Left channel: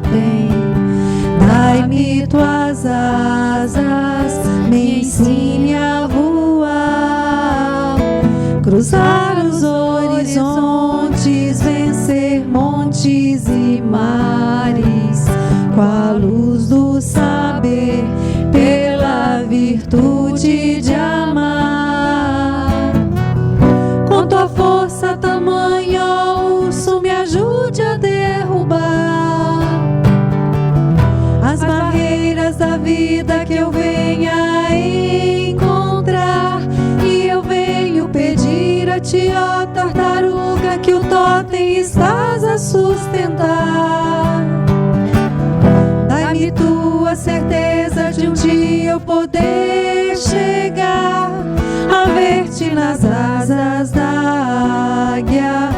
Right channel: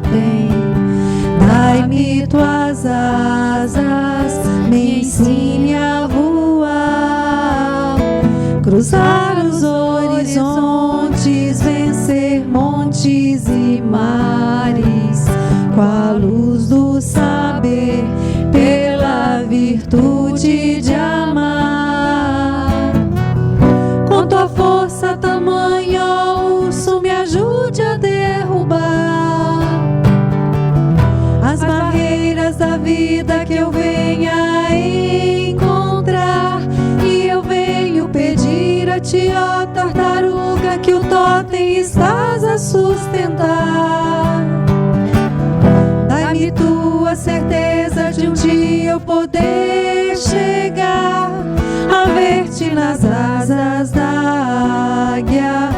tem. Dai-me tuas asas, me ensine a voar, cruzar os horizontes, vencer montes e mares, com a luz do saber, pela virtude de amar. Com tua força tamanha, ó urso, me ajude a derrubar as barreiras da vida que eu venha encontrar. E eu venho pedir a ti, ó tartaruga, que o totem estás a sustentar. Dai-me tua certeza de um dia eu poder chegar a ver-te nas asas da águia,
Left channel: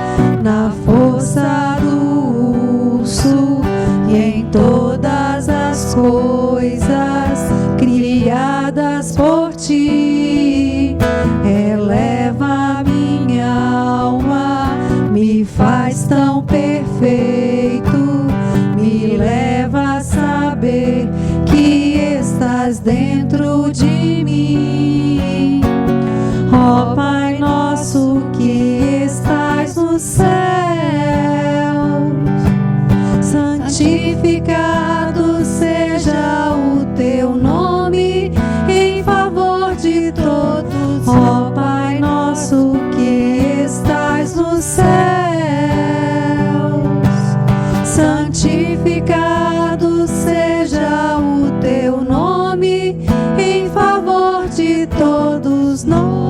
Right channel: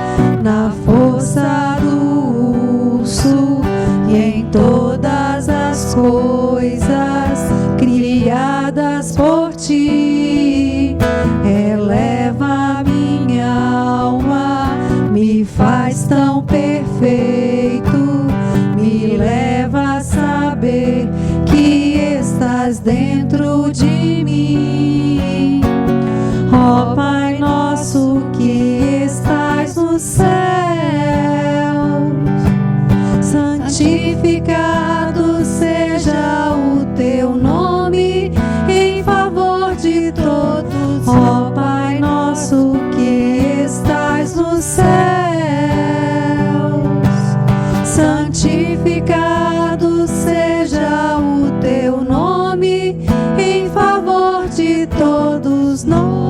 na força do urso e em todas as coisas criadas por ti. Eleva minha alma, me faz tão perfeito, me leva a saber que estás dentro de mim. Ó Pai nosso que estás no céu, santificado seja o teu nome em favor de todos. Ó Pai nosso que estás nos céus, santificado seja o teu nome em favor de todos nós.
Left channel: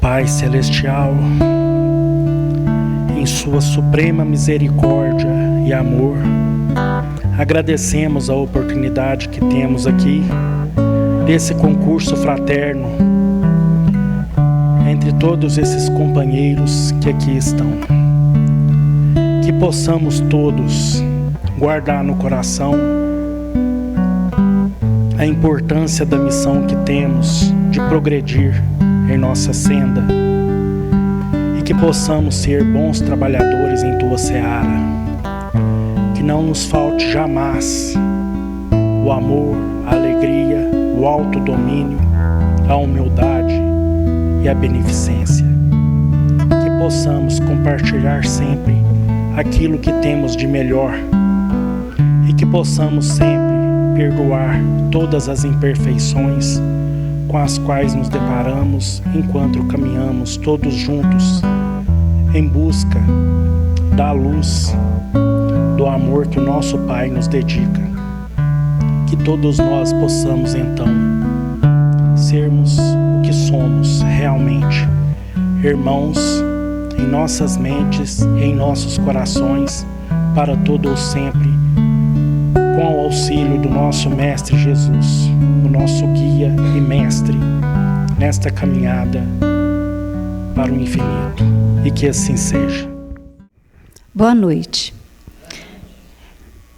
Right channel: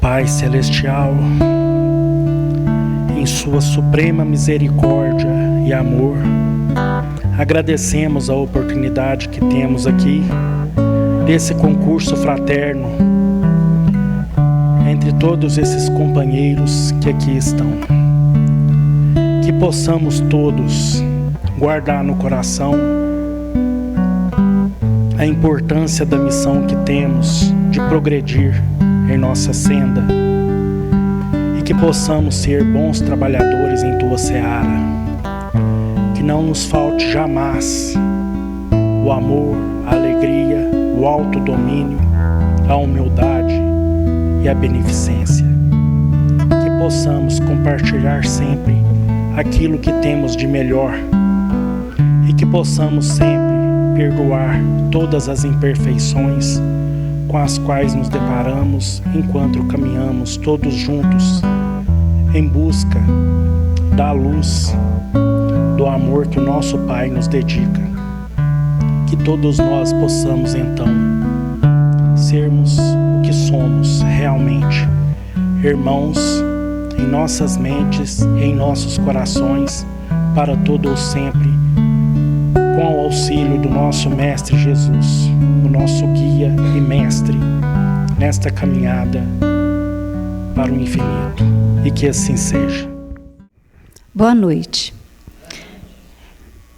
Pai Celestial, em sua suprema misericórdia e amor, agradecemos a oportunidade que temos aqui desse concurso fraterno entre todos esses companheiros que aqui estão. Que possamos todos guardar no coração a importância da missão que temos de progredir em nossa senda e que possamos ser bons trabalhadores em tua seara. Que não nos falte jamais o amor, a alegria, o autodomínio, a humildade e a beneficência. Que possamos compartilhar sempre aquilo que temos de melhor e que possamos sempre perdoar todas as imperfeições com as quais nos deparamos enquanto caminhamos todos juntos em busca da luz, do amor que o nosso Pai nos dedica. Que todos nós possamos então sermos o que somos realmente, irmãos em nossas mentes e em nossos corações, para todo o sempre, com o auxílio do nosso Mestre Jesus, o nosso guia e mestre nesta caminhada para o infinito. E que assim seja. Boa noite.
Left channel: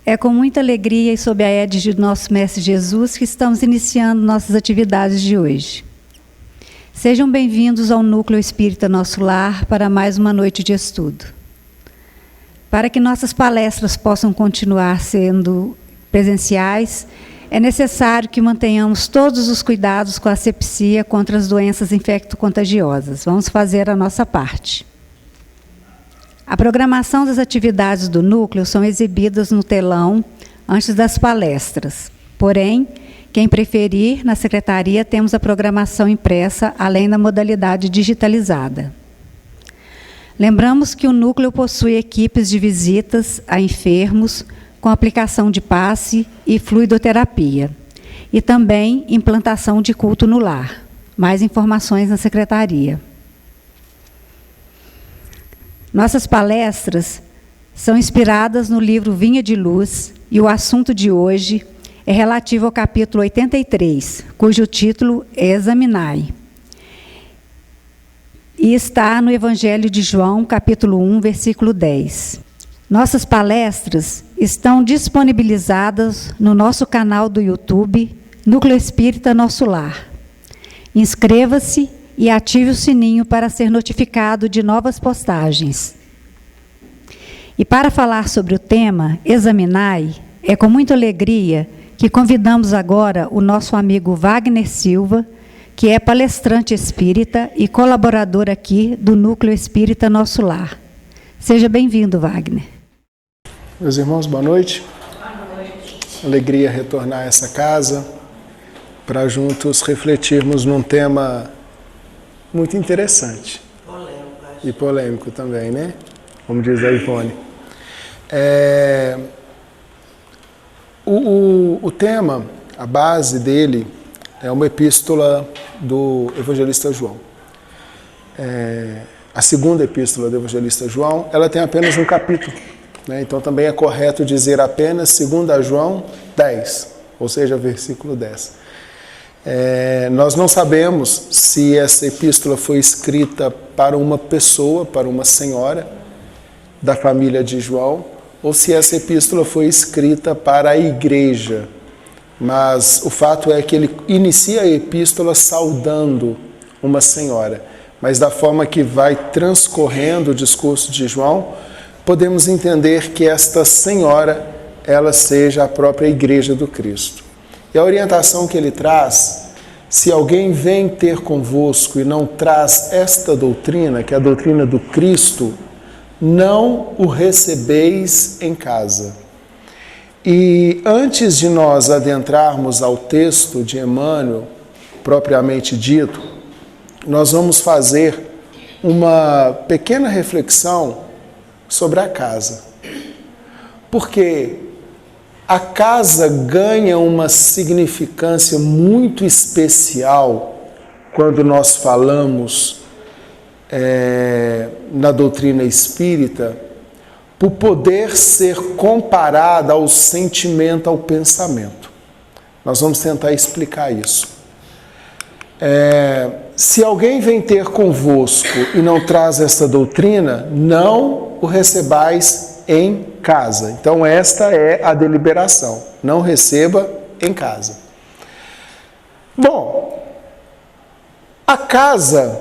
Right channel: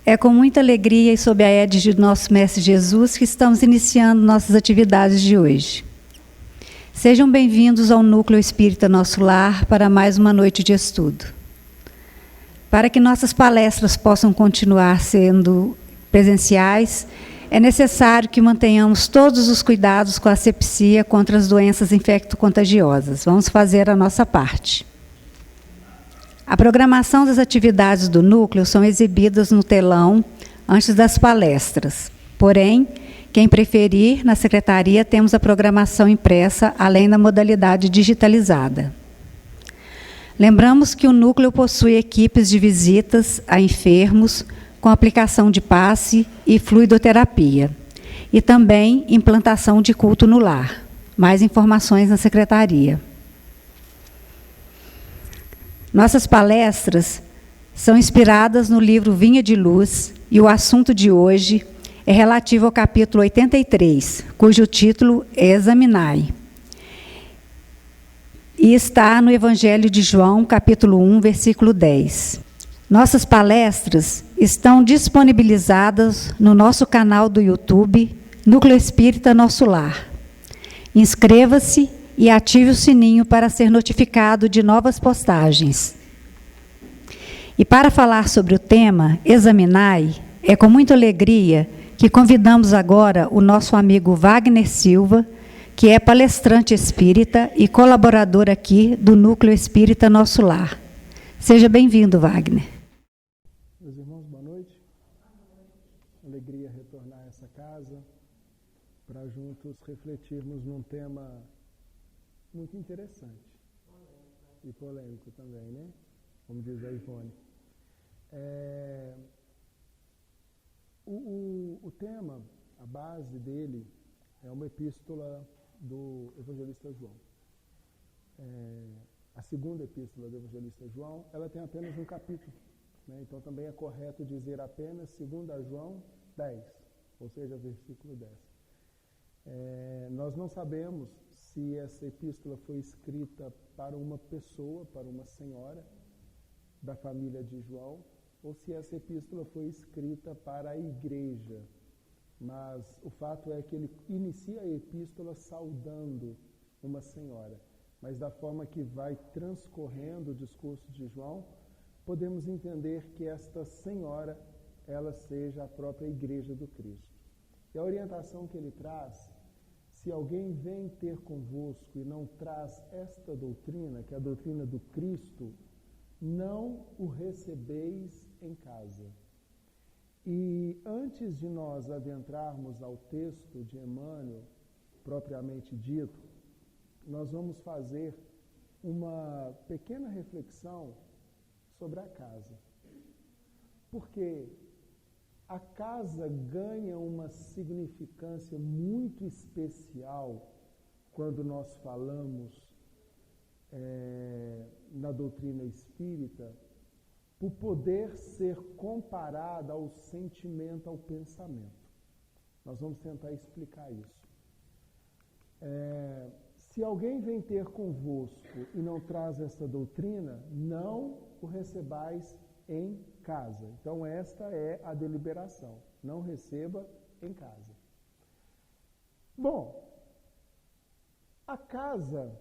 É com muita alegria e sob a égide do nosso Mestre Jesus que estamos iniciando nossas atividades de hoje. Sejam bem-vindos ao Núcleo Espírita Nosso Lar para mais uma noite de estudo. Para que nossas palestras possam continuar sendo presenciais, é necessário que mantenhamos todos os cuidados com a asepsia contra as doenças infecto-contagiosas. Vamos fazer a nossa parte. A programação das atividades do núcleo são exibidas no telão antes das palestras. Porém, quem preferir, na secretaria temos a programação impressa, além da modalidade digitalizada. Lembramos que o núcleo possui equipes de visitas a enfermos, com aplicação de passe e fluidoterapia, e também implantação de culto no lar. Mais informações na secretaria. Nossas palestras são inspiradas no livro Vinha de Luz e o assunto de hoje é relativo ao capítulo 83, cujo título é Examinai. E está no Evangelho de João, capítulo 1, versículo 10. Nossas palestras estão disponibilizadas no nosso canal do YouTube, Núcleo Espírita Nosso Lar. Inscreva-se e ative o sininho para ser notificado de novas postagens. E para falar sobre o tema Examinai, é com muita alegria que convidamos agora o nosso amigo Wagner Silva, que é palestrante espírita e colaborador aqui do Núcleo Espírita Nosso Lar. Seja bem-vindo, Wagner. Meus irmãos, boa noite. Boa noite. Alegria retornar a essa casa para juntos refletirmos num tema muito interessante. E polêmico também, né? Como diz a Ivone. O tema, a base dele, é uma epístola do evangelista João. A segunda epístola do evangelista João, ela tem apenas um capítulo, né? Então também é correto dizer apenas 2 João 10, ou seja, versículo 10. Nós não sabemos se essa epístola foi escrita para uma pessoa, para uma senhora da família de João, ou se essa epístola foi escrita para a igreja. Mas o fato é que ele inicia a epístola saudando uma senhora. Mas da forma que vai transcorrendo o discurso de João, podemos entender que esta senhora, ela seja a própria igreja do Cristo. E a orientação que ele traz, se alguém vem ter convosco e não traz esta doutrina, que é a doutrina do Cristo, não o recebeis em casa. E antes de nós adentrarmos ao texto de Emmanuel, propriamente dito, nós vamos fazer uma pequena reflexão sobre a casa. Porque a casa ganha uma significância muito especial quando nós falamos na doutrina espírita, por poder ser comparada ao sentimento, ao pensamento. Nós vamos tentar explicar isso. Se alguém vem ter convosco e não traz essa doutrina, não o recebais em casa. Então esta é a deliberação, não receba em casa. Bom, a casa,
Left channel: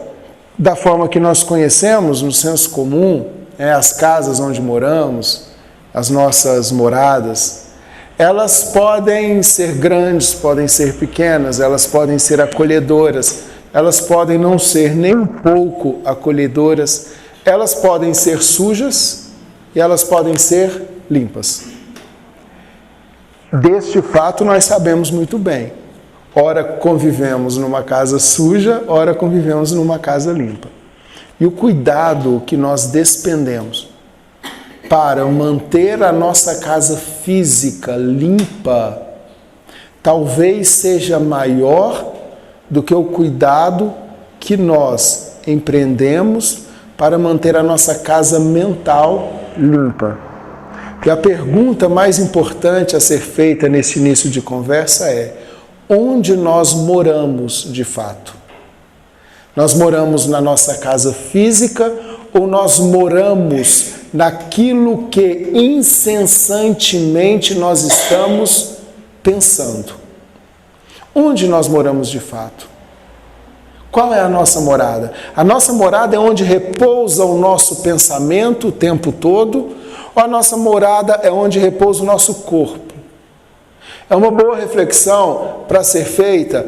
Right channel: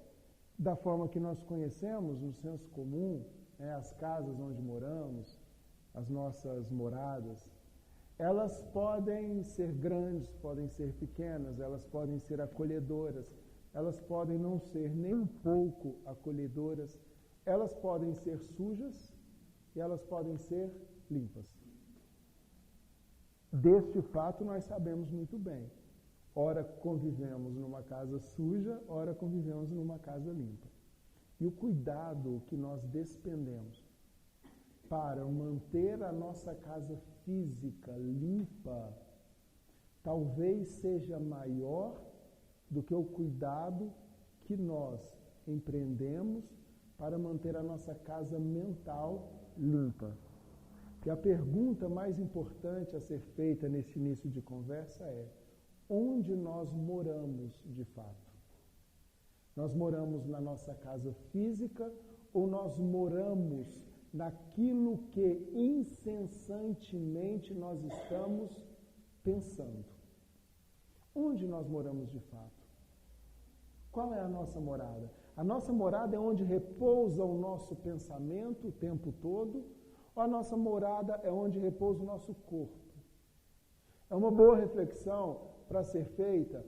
da forma que nós conhecemos, no senso comum, as casas onde moramos, as nossas moradas, elas podem ser grandes, podem ser pequenas, elas podem ser acolhedoras, elas podem não ser nem um pouco acolhedoras, elas podem ser sujas e elas podem ser limpas. Deste fato nós sabemos muito bem. Ora convivemos numa casa suja, ora convivemos numa casa limpa. E o cuidado que nós despendemos para manter a nossa casa física limpa, talvez seja maior do que o cuidado que nós empreendemos para manter a nossa casa mental limpa. E a pergunta mais importante a ser feita nesse início de conversa é: onde nós moramos de fato? Nós moramos na nossa casa física ou nós moramos naquilo que incessantemente nós estamos pensando? Onde nós moramos de fato? Qual é a nossa morada? A nossa morada é onde repousa o nosso pensamento o tempo todo, ou a nossa morada é onde repousa o nosso corpo? É uma boa reflexão para ser feita,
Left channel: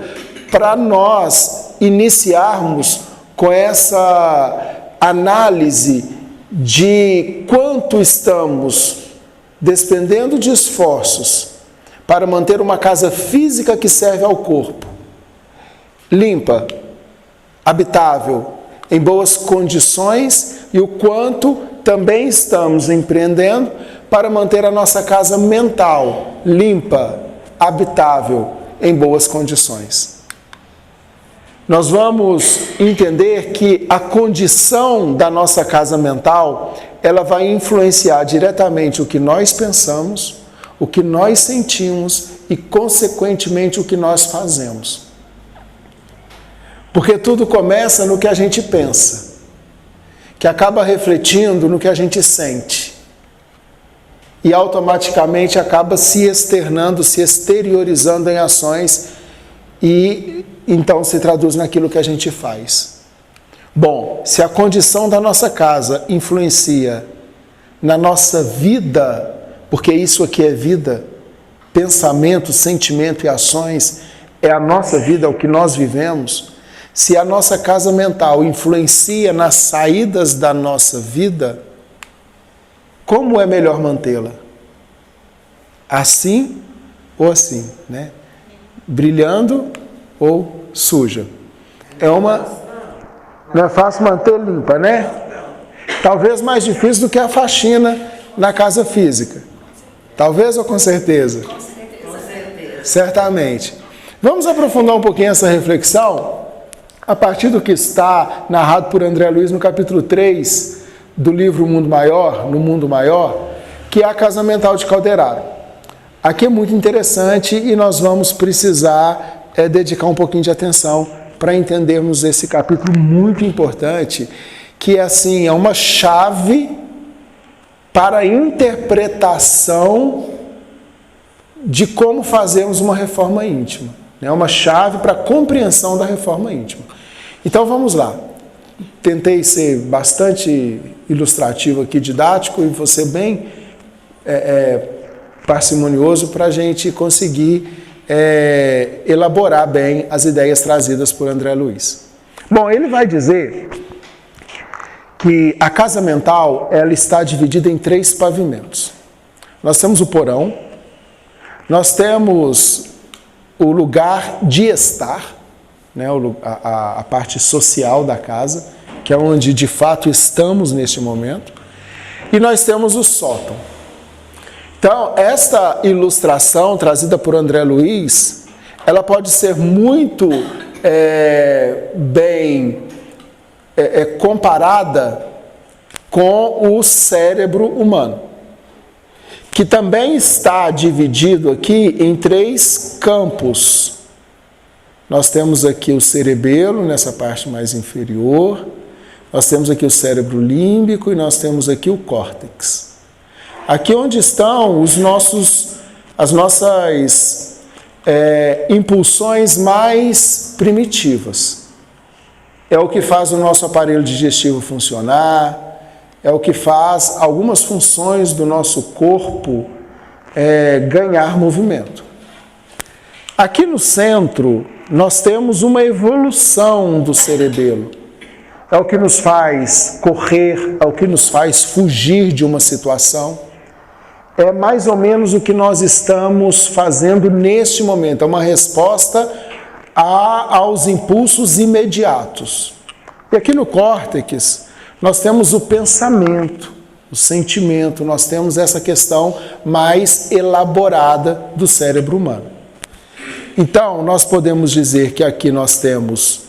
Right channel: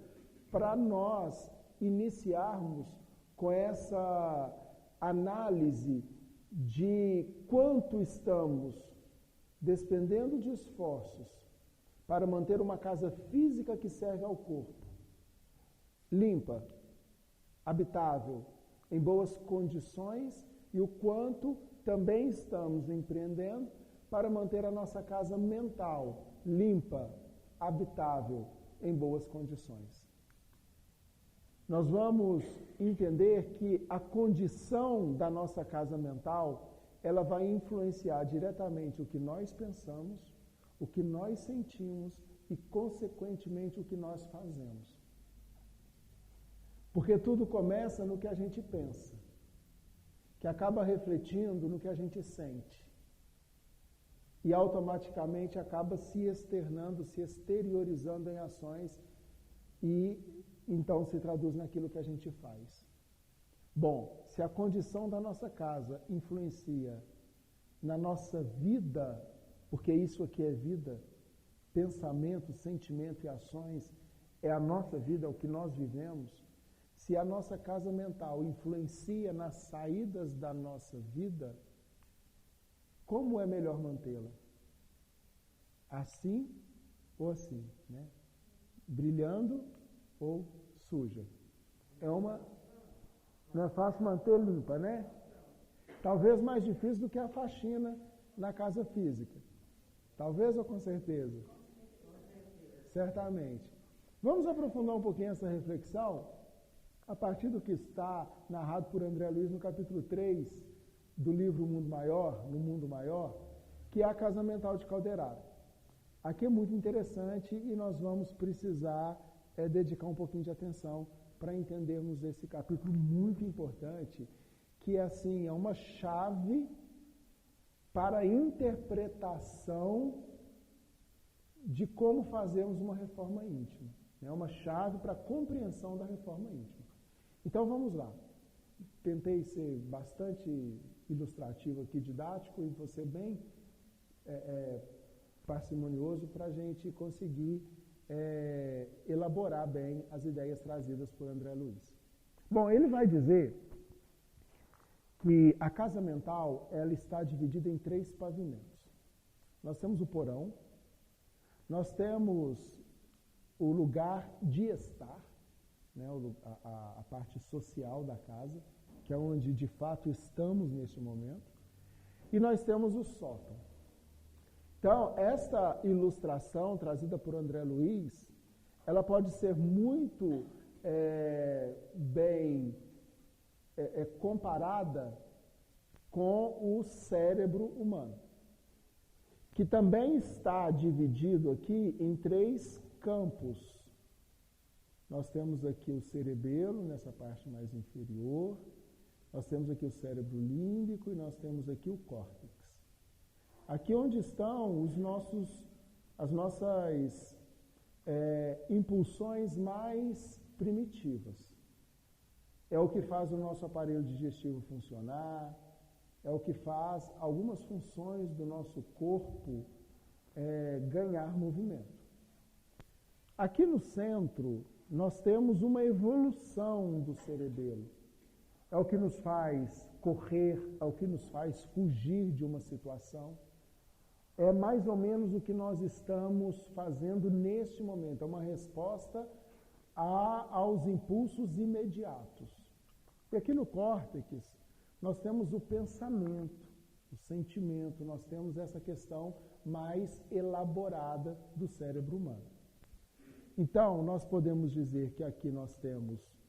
para nós iniciarmos com essa análise de quanto estamos despendendo de esforços para manter uma casa física que serve ao corpo, limpa, habitável, em boas condições, e o quanto também estamos empreendendo para manter a nossa casa mental limpa, habitável, em boas condições. nós vamos entender que a condição da nossa casa mental, ela vai influenciar diretamente o que nós pensamos, o que nós sentimos e, consequentemente, o que nós fazemos. Porque tudo começa no que a gente pensa, que acaba refletindo no que a gente sente. E automaticamente acaba se externando, se exteriorizando em ações e então se traduz naquilo que a gente faz. Bom, se a condição da nossa casa influencia na nossa vida, porque isso aqui é vida, pensamento, sentimento e ações, é a nossa vida, é o que nós vivemos. Se a nossa casa mental influencia nas saídas da nossa vida, como é melhor mantê-la? Assim ou assim, né? Brilhando ou suja? Não é fácil manter limpa, né? Talvez mais difícil do que a faxina na casa física. Talvez ou com certeza? Com certeza. Certamente. Vamos aprofundar um pouquinho essa reflexão a partir do que está narrado por André Luiz no capítulo 3 do livro No Mundo Maior, que é a casa mental de Calderaro. Aqui é muito interessante e nós vamos precisar dedicar um pouquinho de atenção para entendermos esse capítulo muito importante, que é uma chave para a interpretação de como fazermos uma reforma íntima. É uma chave para a compreensão da reforma íntima. Então vamos lá. Tentei ser bastante ilustrativo aqui, didático, e você bem parcimonioso para a gente conseguir elaborar bem as ideias trazidas por André Luiz. Bom, ele vai dizer que a casa mental ela está dividida em 3 pavimentos. Nós temos o porão, nós temos o lugar de estar, né, a parte social da casa, que é onde de fato estamos neste momento, e nós temos o sótão. Então, esta ilustração trazida por André Luiz, ela pode ser muito bem comparada com o cérebro humano, que também está dividido aqui em 3 campos. Nós temos aqui o cerebelo, nessa parte mais inferior, nós temos aqui o cérebro límbico e nós temos aqui o córtex. Aqui onde estão as nossas impulsões mais primitivas. É o que faz o nosso aparelho digestivo funcionar, é o que faz algumas funções do nosso corpo ganhar movimento. Aqui no centro, nós temos uma evolução do cerebelo. É o que nos faz correr, é o que nos faz fugir de uma situação. É mais ou menos o que nós estamos fazendo neste momento. É uma resposta aos impulsos imediatos. E aqui no córtex, nós temos o pensamento, o sentimento, nós temos essa questão mais elaborada do cérebro humano. Então, nós podemos dizer que aqui nós temos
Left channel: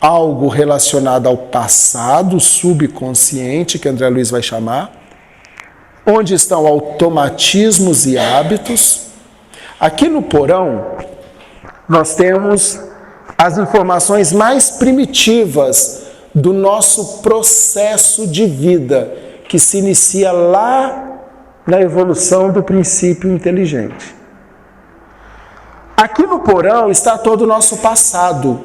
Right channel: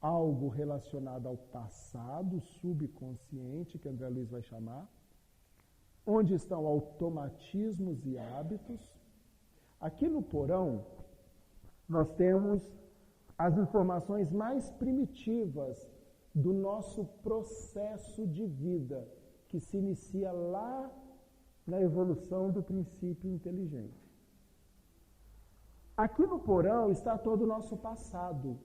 algo relacionado ao passado subconsciente, que André Luiz vai chamar, onde estão automatismos e hábitos. Aqui no porão, nós temos as informações mais primitivas do nosso processo de vida, que se inicia lá na evolução do princípio inteligente. Aqui no porão está todo o nosso passado.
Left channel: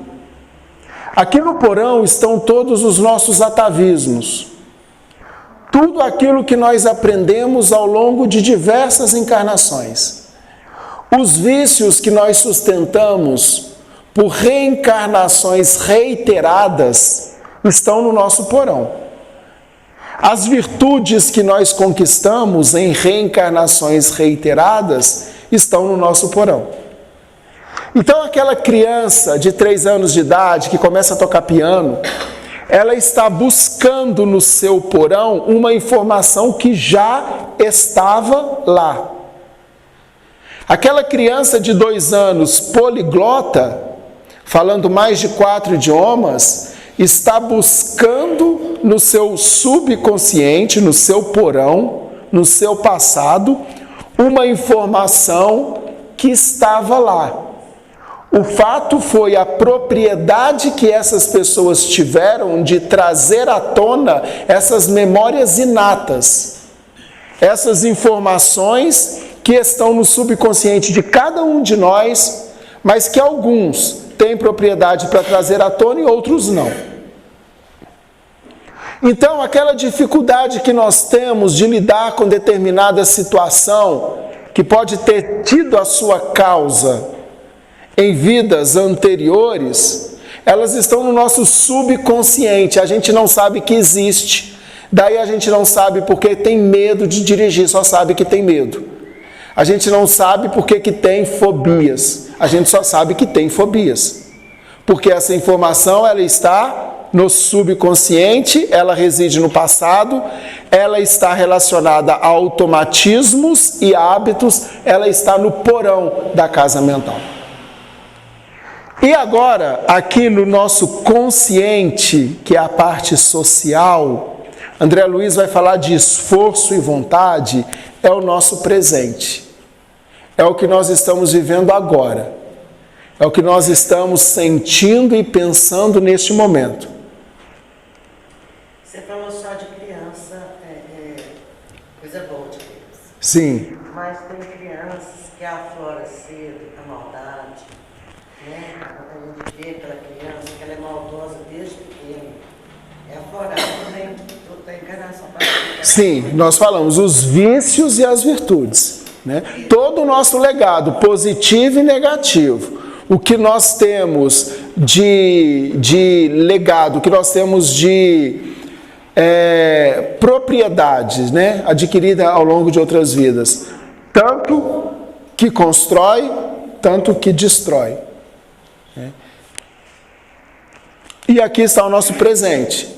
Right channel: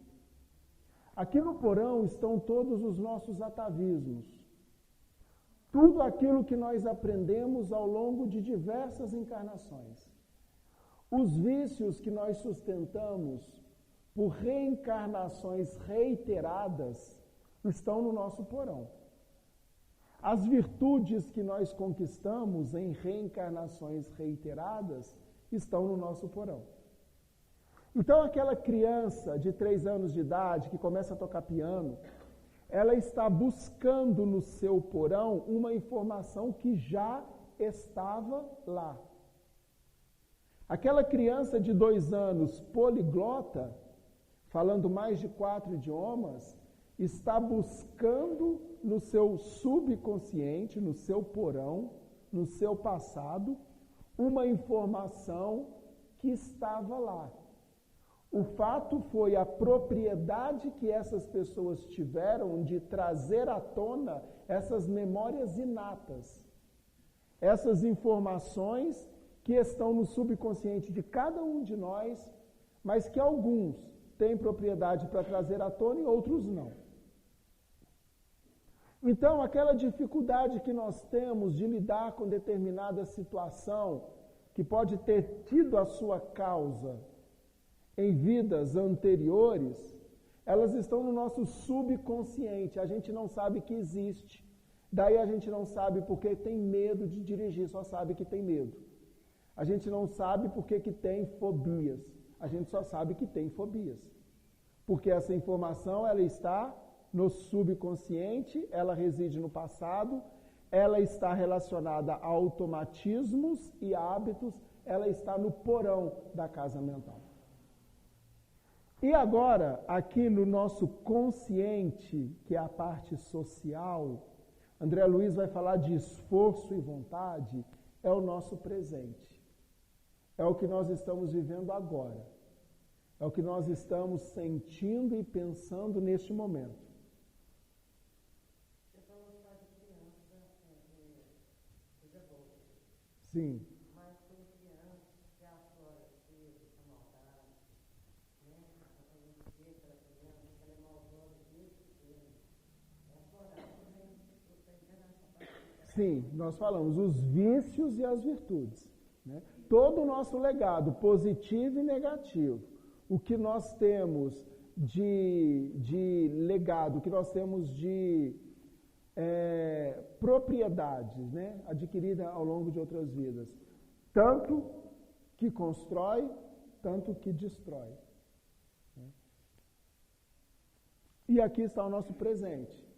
Aqui no porão estão todos os nossos atavismos. Tudo aquilo que nós aprendemos ao longo de diversas encarnações. Os vícios que nós sustentamos por reencarnações reiteradas estão no nosso porão. As virtudes que nós conquistamos em reencarnações reiteradas estão no nosso porão. Então, aquela criança de 3 anos de idade que começa a tocar piano, ela está buscando no seu porão uma informação que já estava lá. Aquela criança de 2 anos poliglota, falando mais de 4 idiomas, está buscando no seu subconsciente, no seu porão, no seu passado, uma informação que estava lá. O fato foi a propriedade que essas pessoas tiveram de trazer à tona essas memórias inatas, essas informações que estão no subconsciente de cada um de nós, mas que alguns têm propriedade para trazer à tona e outros não. Então, aquela dificuldade que nós temos de lidar com determinada situação, que pode ter tido a sua causa em vidas anteriores, elas estão no nosso subconsciente, a gente não sabe que existe. Daí a gente não sabe porque tem medo de dirigir, só sabe que tem medo. A gente não sabe porque que tem fobias, a gente só sabe que tem fobias. Porque essa informação, ela está no subconsciente, ela reside no passado, ela está relacionada a automatismos e hábitos, ela está no porão da casa mental. E agora, aqui no nosso consciente, que é a parte social, André Luiz vai falar de esforço e vontade, é o nosso presente. É o que nós estamos vivendo agora. É o que nós estamos sentindo e pensando neste momento. Você falou só de criança, coisa boa de criança. Sim. Mas tem crianças que afloram cedo a maldade, né? Quando a gente vê aquela criança que ela é maldosa desde pequena, é aflorada também da encarnação. Sim, nós falamos os vícios e as virtudes, né? Todo o nosso legado, positivo e negativo, o que nós temos de legado, o que nós temos de propriedades, né, adquirida ao longo de outras vidas, tanto que constrói, tanto que destrói, né? E aqui está o nosso presente,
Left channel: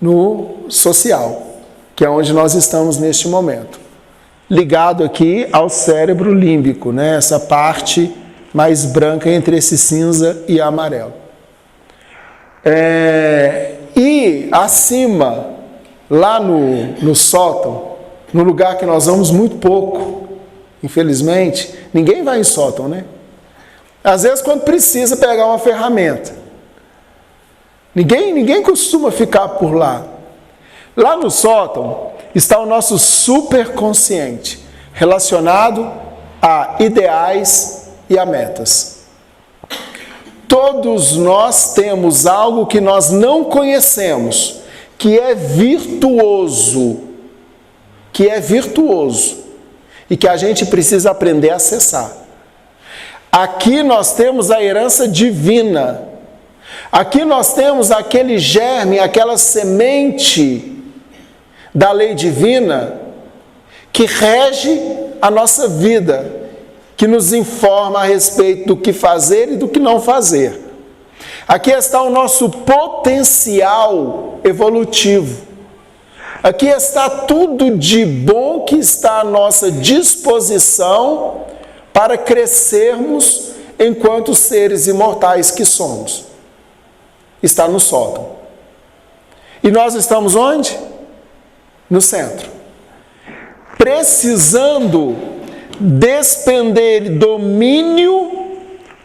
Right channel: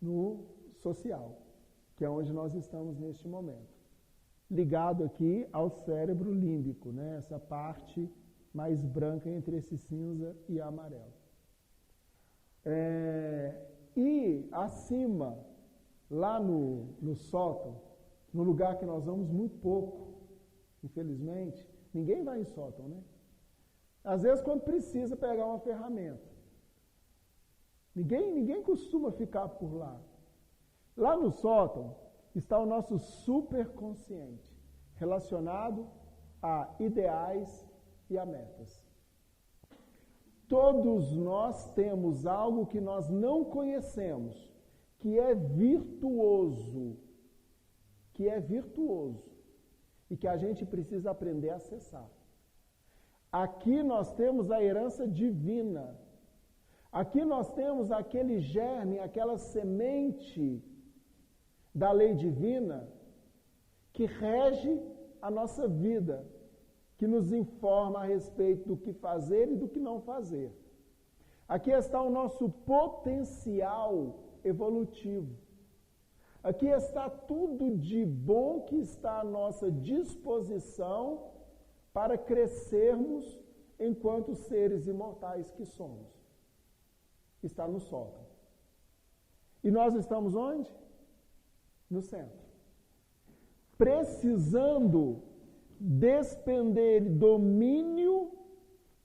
no social, que é onde nós estamos neste momento, ligado aqui ao cérebro límbico, né, essa parte mais branca entre esse cinza e amarelo. E acima, lá no sótão, no lugar que nós vamos muito pouco, infelizmente, ninguém vai em sótão, né? Às vezes quando precisa pegar uma ferramenta. Ninguém costuma ficar por lá. Lá no sótão está o nosso superconsciente, relacionado a ideais e a metas. Todos nós temos algo que nós não conhecemos, que é virtuoso, e que a gente precisa aprender a acessar. Aqui nós temos a herança divina, aqui nós temos aquele germe, aquela semente da lei divina que rege a nossa vida, que nos informa a respeito do que fazer e do que não fazer. Aqui está o nosso potencial evolutivo. Aqui está tudo de bom que está à nossa disposição para crescermos enquanto seres imortais que somos. Está no sótão. E nós estamos onde? No centro. Precisando despender domínio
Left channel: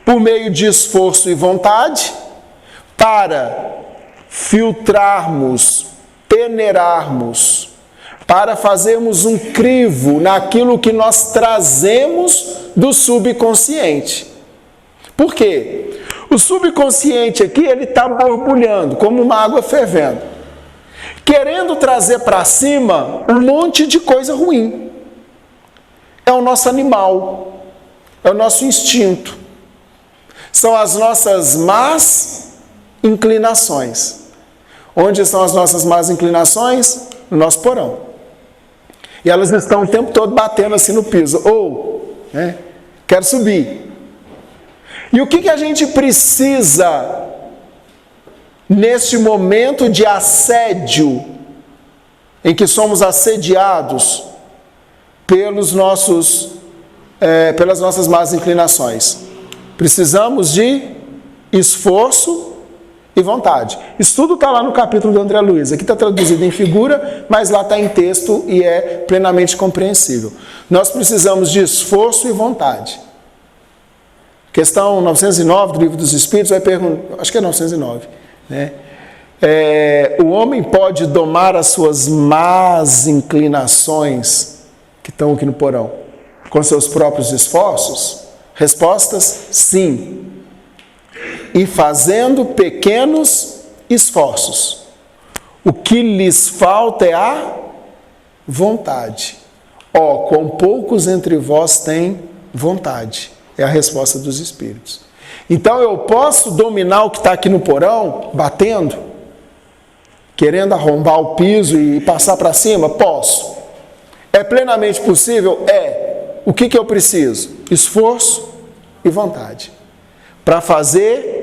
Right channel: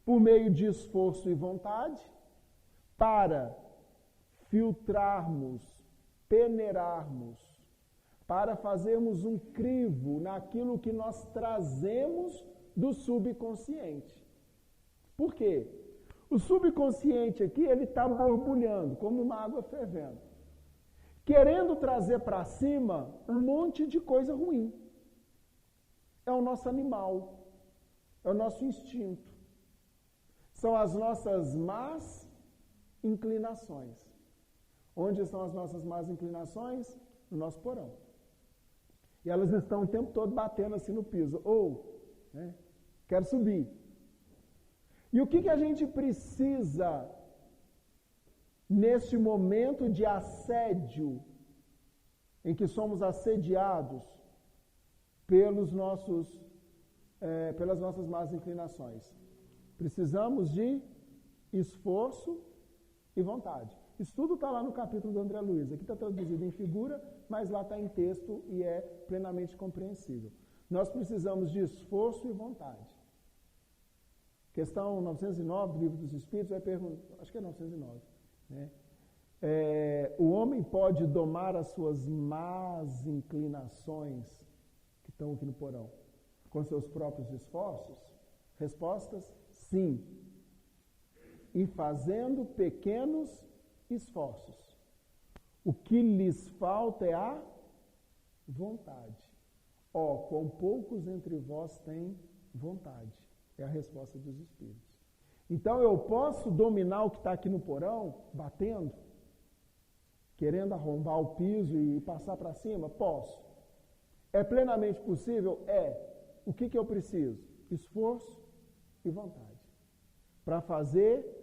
por meio de esforço e vontade para filtrarmos, peneirarmos, para fazermos um crivo naquilo que nós trazemos do subconsciente. Por quê? O subconsciente aqui, ele está borbulhando, como uma água fervendo, querendo trazer para cima um monte de coisa ruim. É o nosso animal, é o nosso instinto, são as nossas más inclinações. Onde estão as nossas más inclinações? No nosso porão. E elas estão o tempo todo batendo assim no piso. Quero subir. E o que a gente precisa neste momento de assédio, em que somos assediados pelas nossas más inclinações? Precisamos de esforço e vontade. Isso tudo está lá no capítulo do André Luiz. Aqui está traduzido em figura, mas lá está em texto e é plenamente compreensível. Nós precisamos de esforço e vontade. Questão 909 do Livro dos Espíritos vai perguntar, acho que é 909, né? O homem pode domar as suas más inclinações que estão aqui no porão com seus próprios esforços? Respostas, sim. E fazendo pequenos esforços. O que lhes falta é a vontade. Quão poucos entre vós têm vontade. É a resposta dos Espíritos. Então eu posso dominar o que está aqui no porão, batendo, querendo arrombar o piso e passar para cima? Posso. É plenamente possível? É. O que eu preciso? Esforço e vontade. Para fazer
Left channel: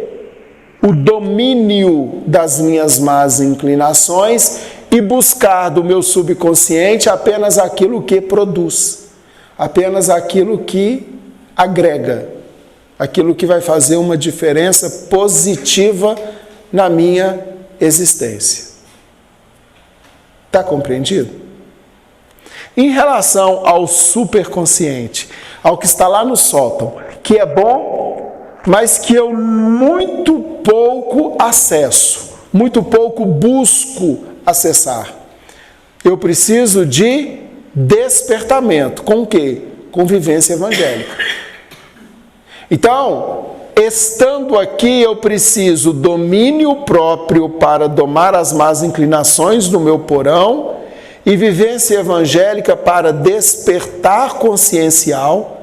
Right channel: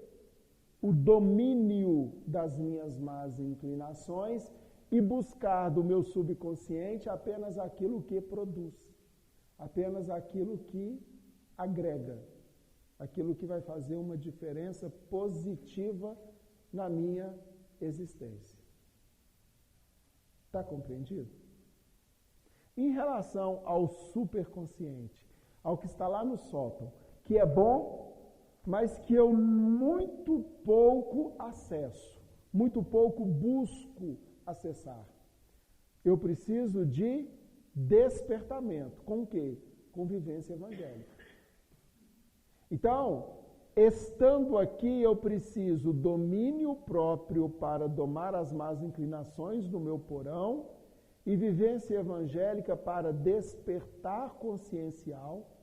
o domínio das minhas más inclinações e buscar do meu subconsciente apenas aquilo que produz, apenas aquilo que agrega, aquilo que vai fazer uma diferença positiva na minha existência. Está compreendido? Em relação ao superconsciente, ao que está lá no sótão, que é bom, mas que eu muito pouco acesso, muito pouco busco acessar. Eu preciso de despertamento. Com o quê? Com vivência evangélica. Então, estando aqui, eu preciso domínio próprio para domar as más inclinações do meu porão e vivência evangélica para despertar consciencial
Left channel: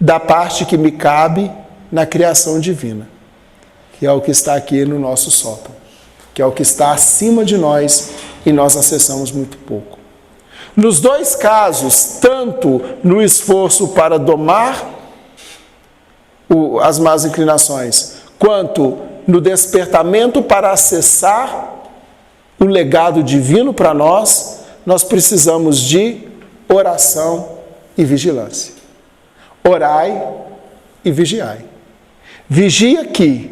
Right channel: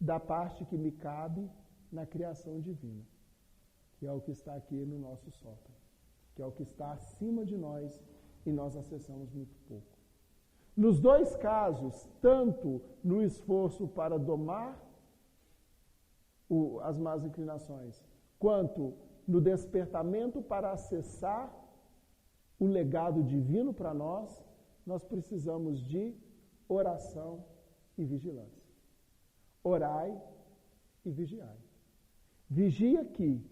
da parte que me cabe na criação divina, que é o que está aqui no nosso sótão, que é o que está acima de nós e nós acessamos muito pouco. Nos dois casos, tanto no esforço para domar as más inclinações, quanto no despertamento para acessar o legado divino para nós, nós precisamos de oração e vigilância. Orai e vigiai. Vigia aqui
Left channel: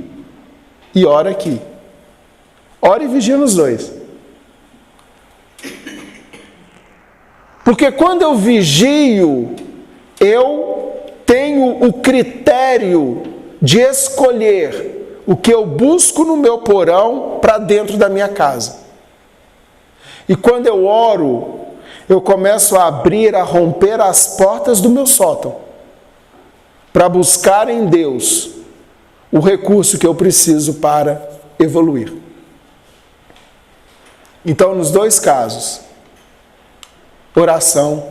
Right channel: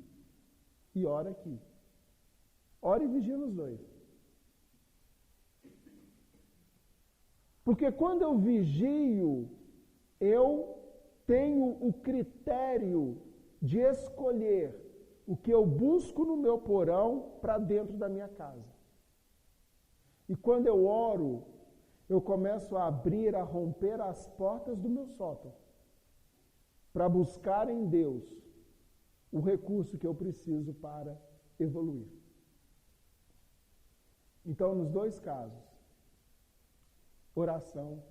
e ora aqui. Ora e vigia nos dois. Porque quando eu vigio, eu tenho o critério de escolher o que eu busco no meu porão para dentro da minha casa. E quando eu oro, eu começo a abrir, a romper as portas do meu sótão, para buscar em Deus o recurso que eu preciso para evoluir. Então, nos dois casos, oração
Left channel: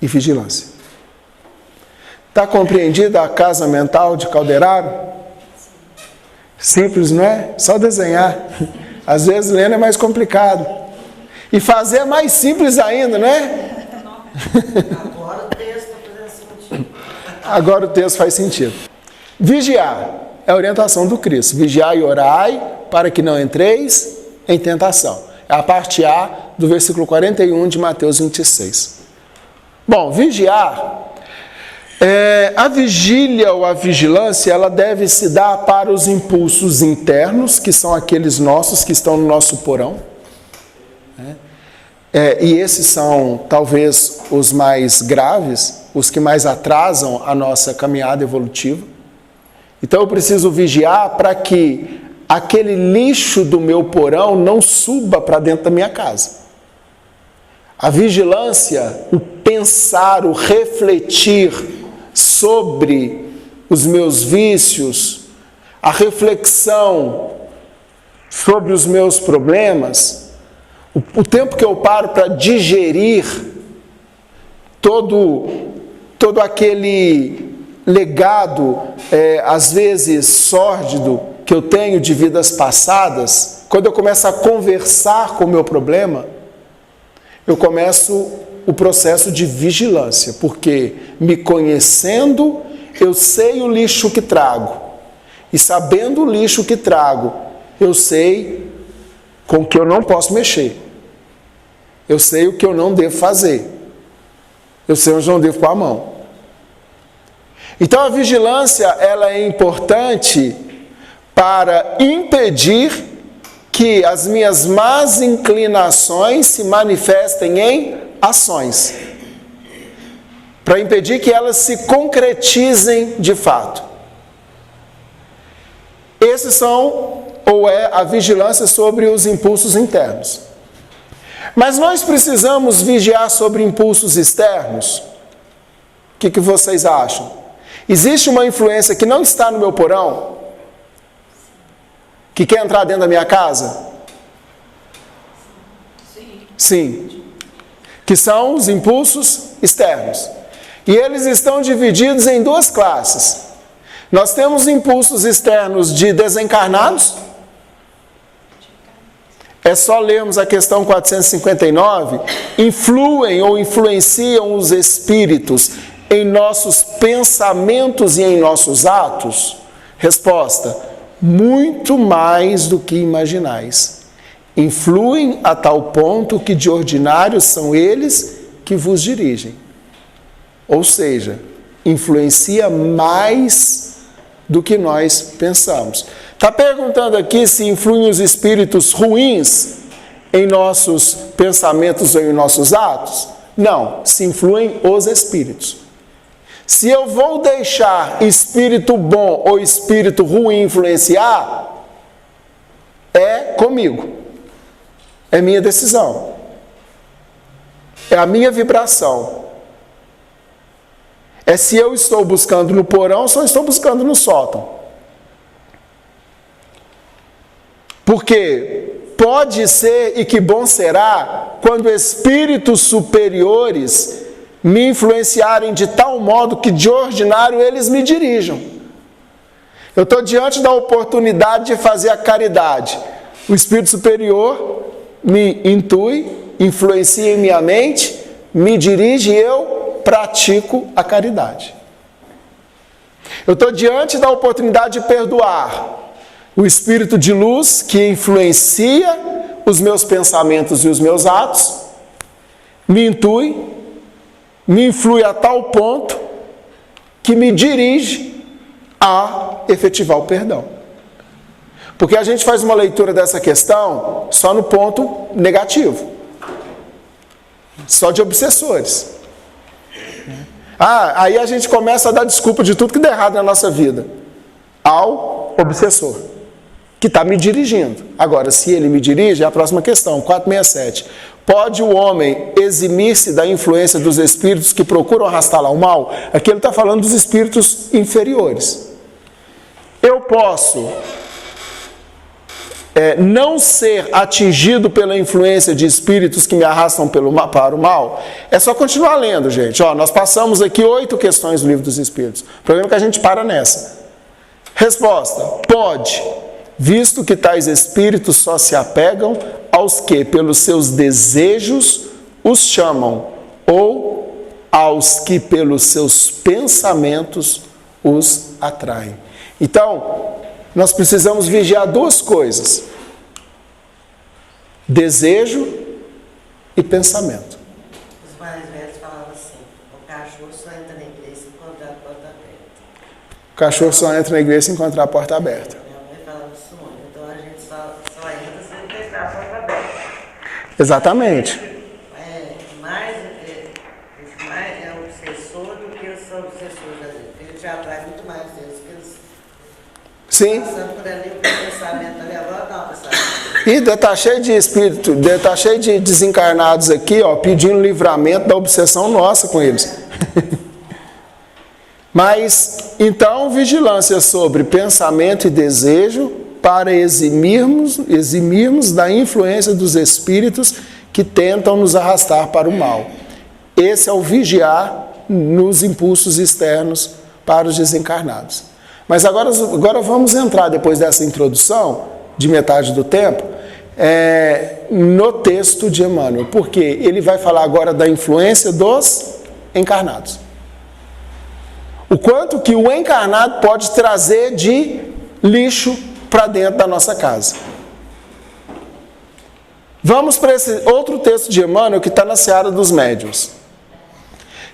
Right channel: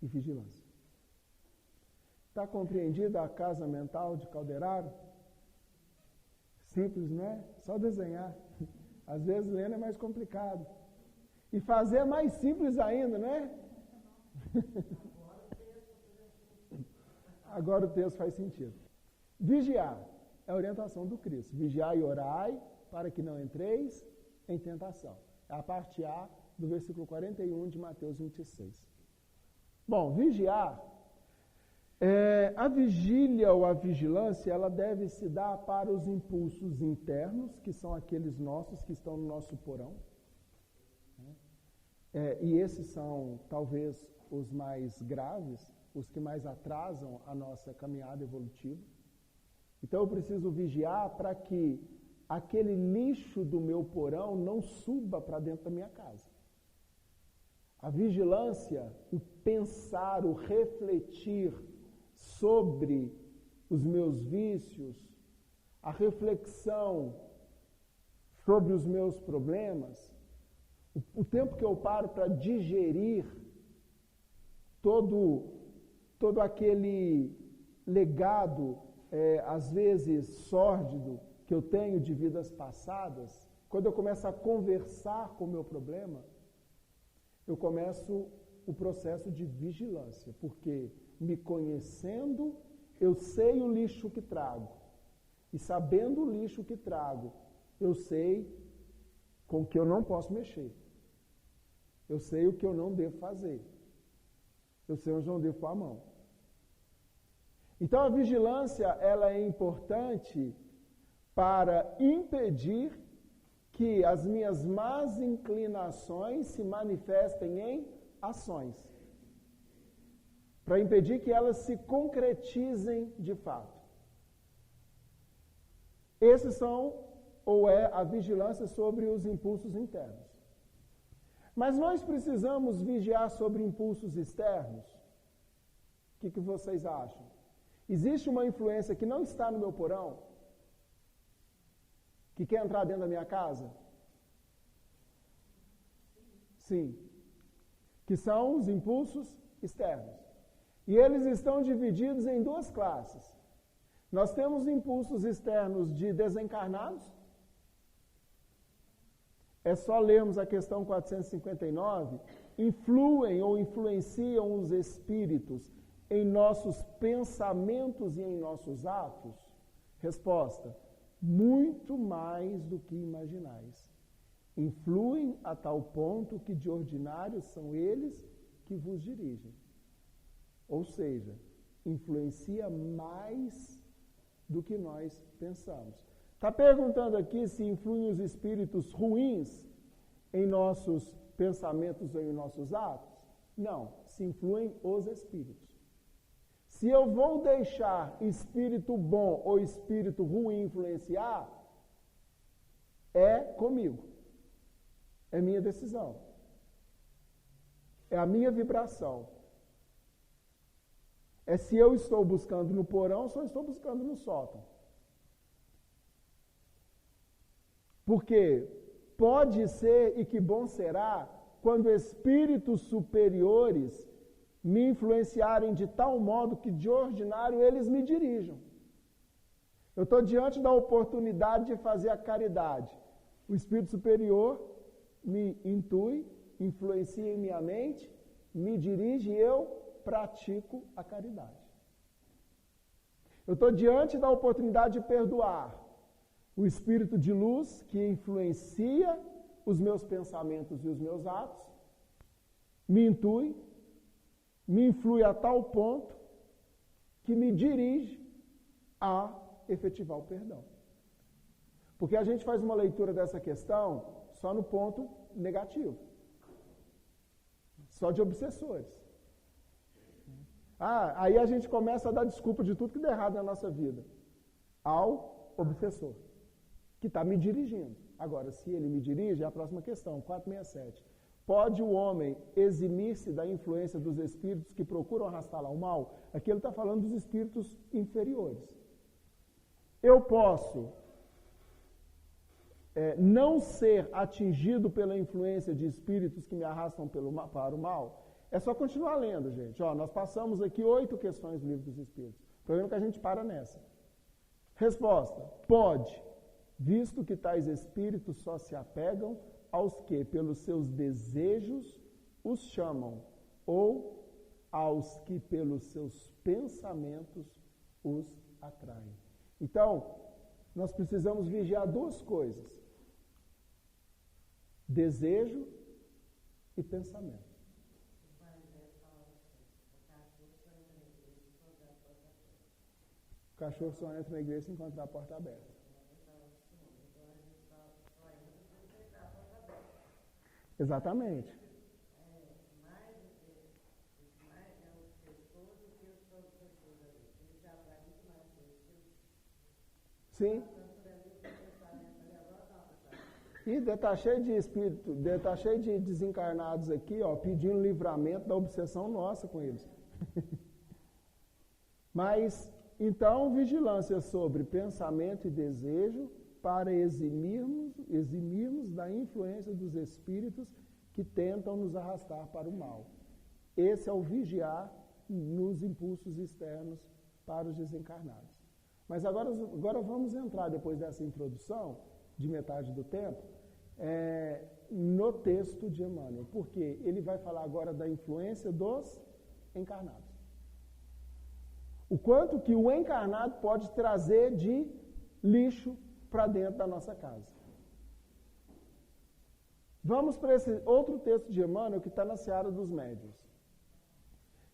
e vigilância. Está compreendida a casa mental de Calderaro? Simples, não é? Só desenhar. Às vezes lendo é mais complicado. E fazer é mais simples ainda, não é? Agora o texto está fazendo sentido. Agora o texto faz sentido. Vigiar é a orientação do Cristo. Vigiai e orai para que não entreis em tentação. É a parte A do versículo 41 de Mateus 26. Bom, vigiar... a vigília ou a vigilância, ela deve se dar para os impulsos internos, que são aqueles nossos que estão no nosso porão. E esses são, talvez, os mais graves, os que mais atrasam a nossa caminhada evolutiva. Então, eu preciso vigiar para que aquele lixo do meu porão não suba para dentro da minha casa. A vigilância, o pensar, o refletir sobre os meus vícios, a reflexão sobre os meus problemas, o tempo que eu paro para digerir todo aquele legado, às vezes sórdido, que eu tenho de vidas passadas, quando eu começo a conversar com o meu problema, eu começo o processo de vigilância, porque me conhecendo, eu sei o lixo que trago. E sabendo o lixo que trago, eu sei com o que eu não posso mexer. Eu sei o que eu não devo fazer. Eu sei onde eu não devo pôr a mão. Então a vigilância, ela é importante para impedir que as minhas más inclinações se manifestem em ações. Para impedir que elas se concretizem de fato. Esses são, ou é, a vigilância sobre os impulsos internos. Mas nós precisamos vigiar sobre impulsos externos? O que vocês acham? Existe uma influência que não está no meu porão? Que quer entrar dentro da minha casa? Sim. Que são os impulsos externos. E eles estão divididos em duas classes. Nós temos impulsos externos de desencarnados. É só lermos a questão 459. Influem ou influenciam os espíritos em nossos pensamentos e em nossos atos? Resposta: muito mais do que imaginais. Influem a tal ponto que de ordinário são eles que vos dirigem. Ou seja, influencia mais do que nós pensamos. Está perguntando aqui se influem os espíritos ruins em nossos pensamentos ou em nossos atos? Não, se influem os espíritos. Se eu vou deixar espírito bom ou espírito ruim influenciar, é comigo. É minha decisão. É a minha vibração. É se eu estou buscando no porão ou se eu estou buscando no sótão. Porque pode ser, e que bom será, quando espíritos superiores me influenciarem de tal modo que de ordinário eles me dirijam. Eu estou diante da oportunidade de fazer a caridade. O espírito superior me intui, influencia em minha mente, me dirige e eu pratico a caridade. Eu estou diante da oportunidade de perdoar. O espírito de luz que influencia os meus pensamentos e os meus atos, me intui, me influi a tal ponto que me dirige a efetivar o perdão. Porque a gente faz uma leitura dessa questão só no ponto negativo. Só de obsessores. Aí a gente começa a dar desculpa de tudo que der errado na nossa vida ao obsessor, que está me dirigindo. Agora, se ele me dirige, é a próxima questão, 467. Pode o homem eximir-se da influência dos espíritos que procuram arrastá-lo ao mal? Aqui ele está falando dos espíritos inferiores. Eu posso não ser atingido pela influência de espíritos que me arrastam para o mal? É só continuar lendo, gente. Nós passamos aqui 8 questões do Livro dos Espíritos. O problema é que a gente para nessa. Resposta: pode, visto que tais espíritos só se apegam aos que, pelos seus desejos, os chamam, ou aos que, pelos seus pensamentos, os atraem. Então, nós precisamos vigiar duas coisas: desejo e pensamento. Os mais velhos falavam assim: o cachorro só entra na igreja se encontrar a porta aberta. O cachorro só entra na igreja se encontrar a porta aberta. Minha mãe falava isso muito. Então a gente só entra se encontrar a porta aberta. Exatamente. Mais é obsessor do que eu sou obsessor da gente. Ele te atrai muito mais deles que eles. Sim. Passando por ali, o pensamento ali, agora não, pensamento. E está cheio de espírito, está cheio de desencarnados aqui, pedindo livramento da obsessão nossa com eles. Mas, então, vigilância sobre pensamento e desejo para eximirmos da influência dos espíritos que tentam nos arrastar para o mal. Esse é o vigiar nos impulsos externos para os desencarnados. Mas agora vamos entrar, depois dessa introdução, de metade do tempo, no texto de Emmanuel, porque ele vai falar agora da influência dos encarnados. O quanto que o encarnado pode trazer de lixo para dentro da nossa casa. Vamos para esse outro texto de Emmanuel que está na seara dos médiuns.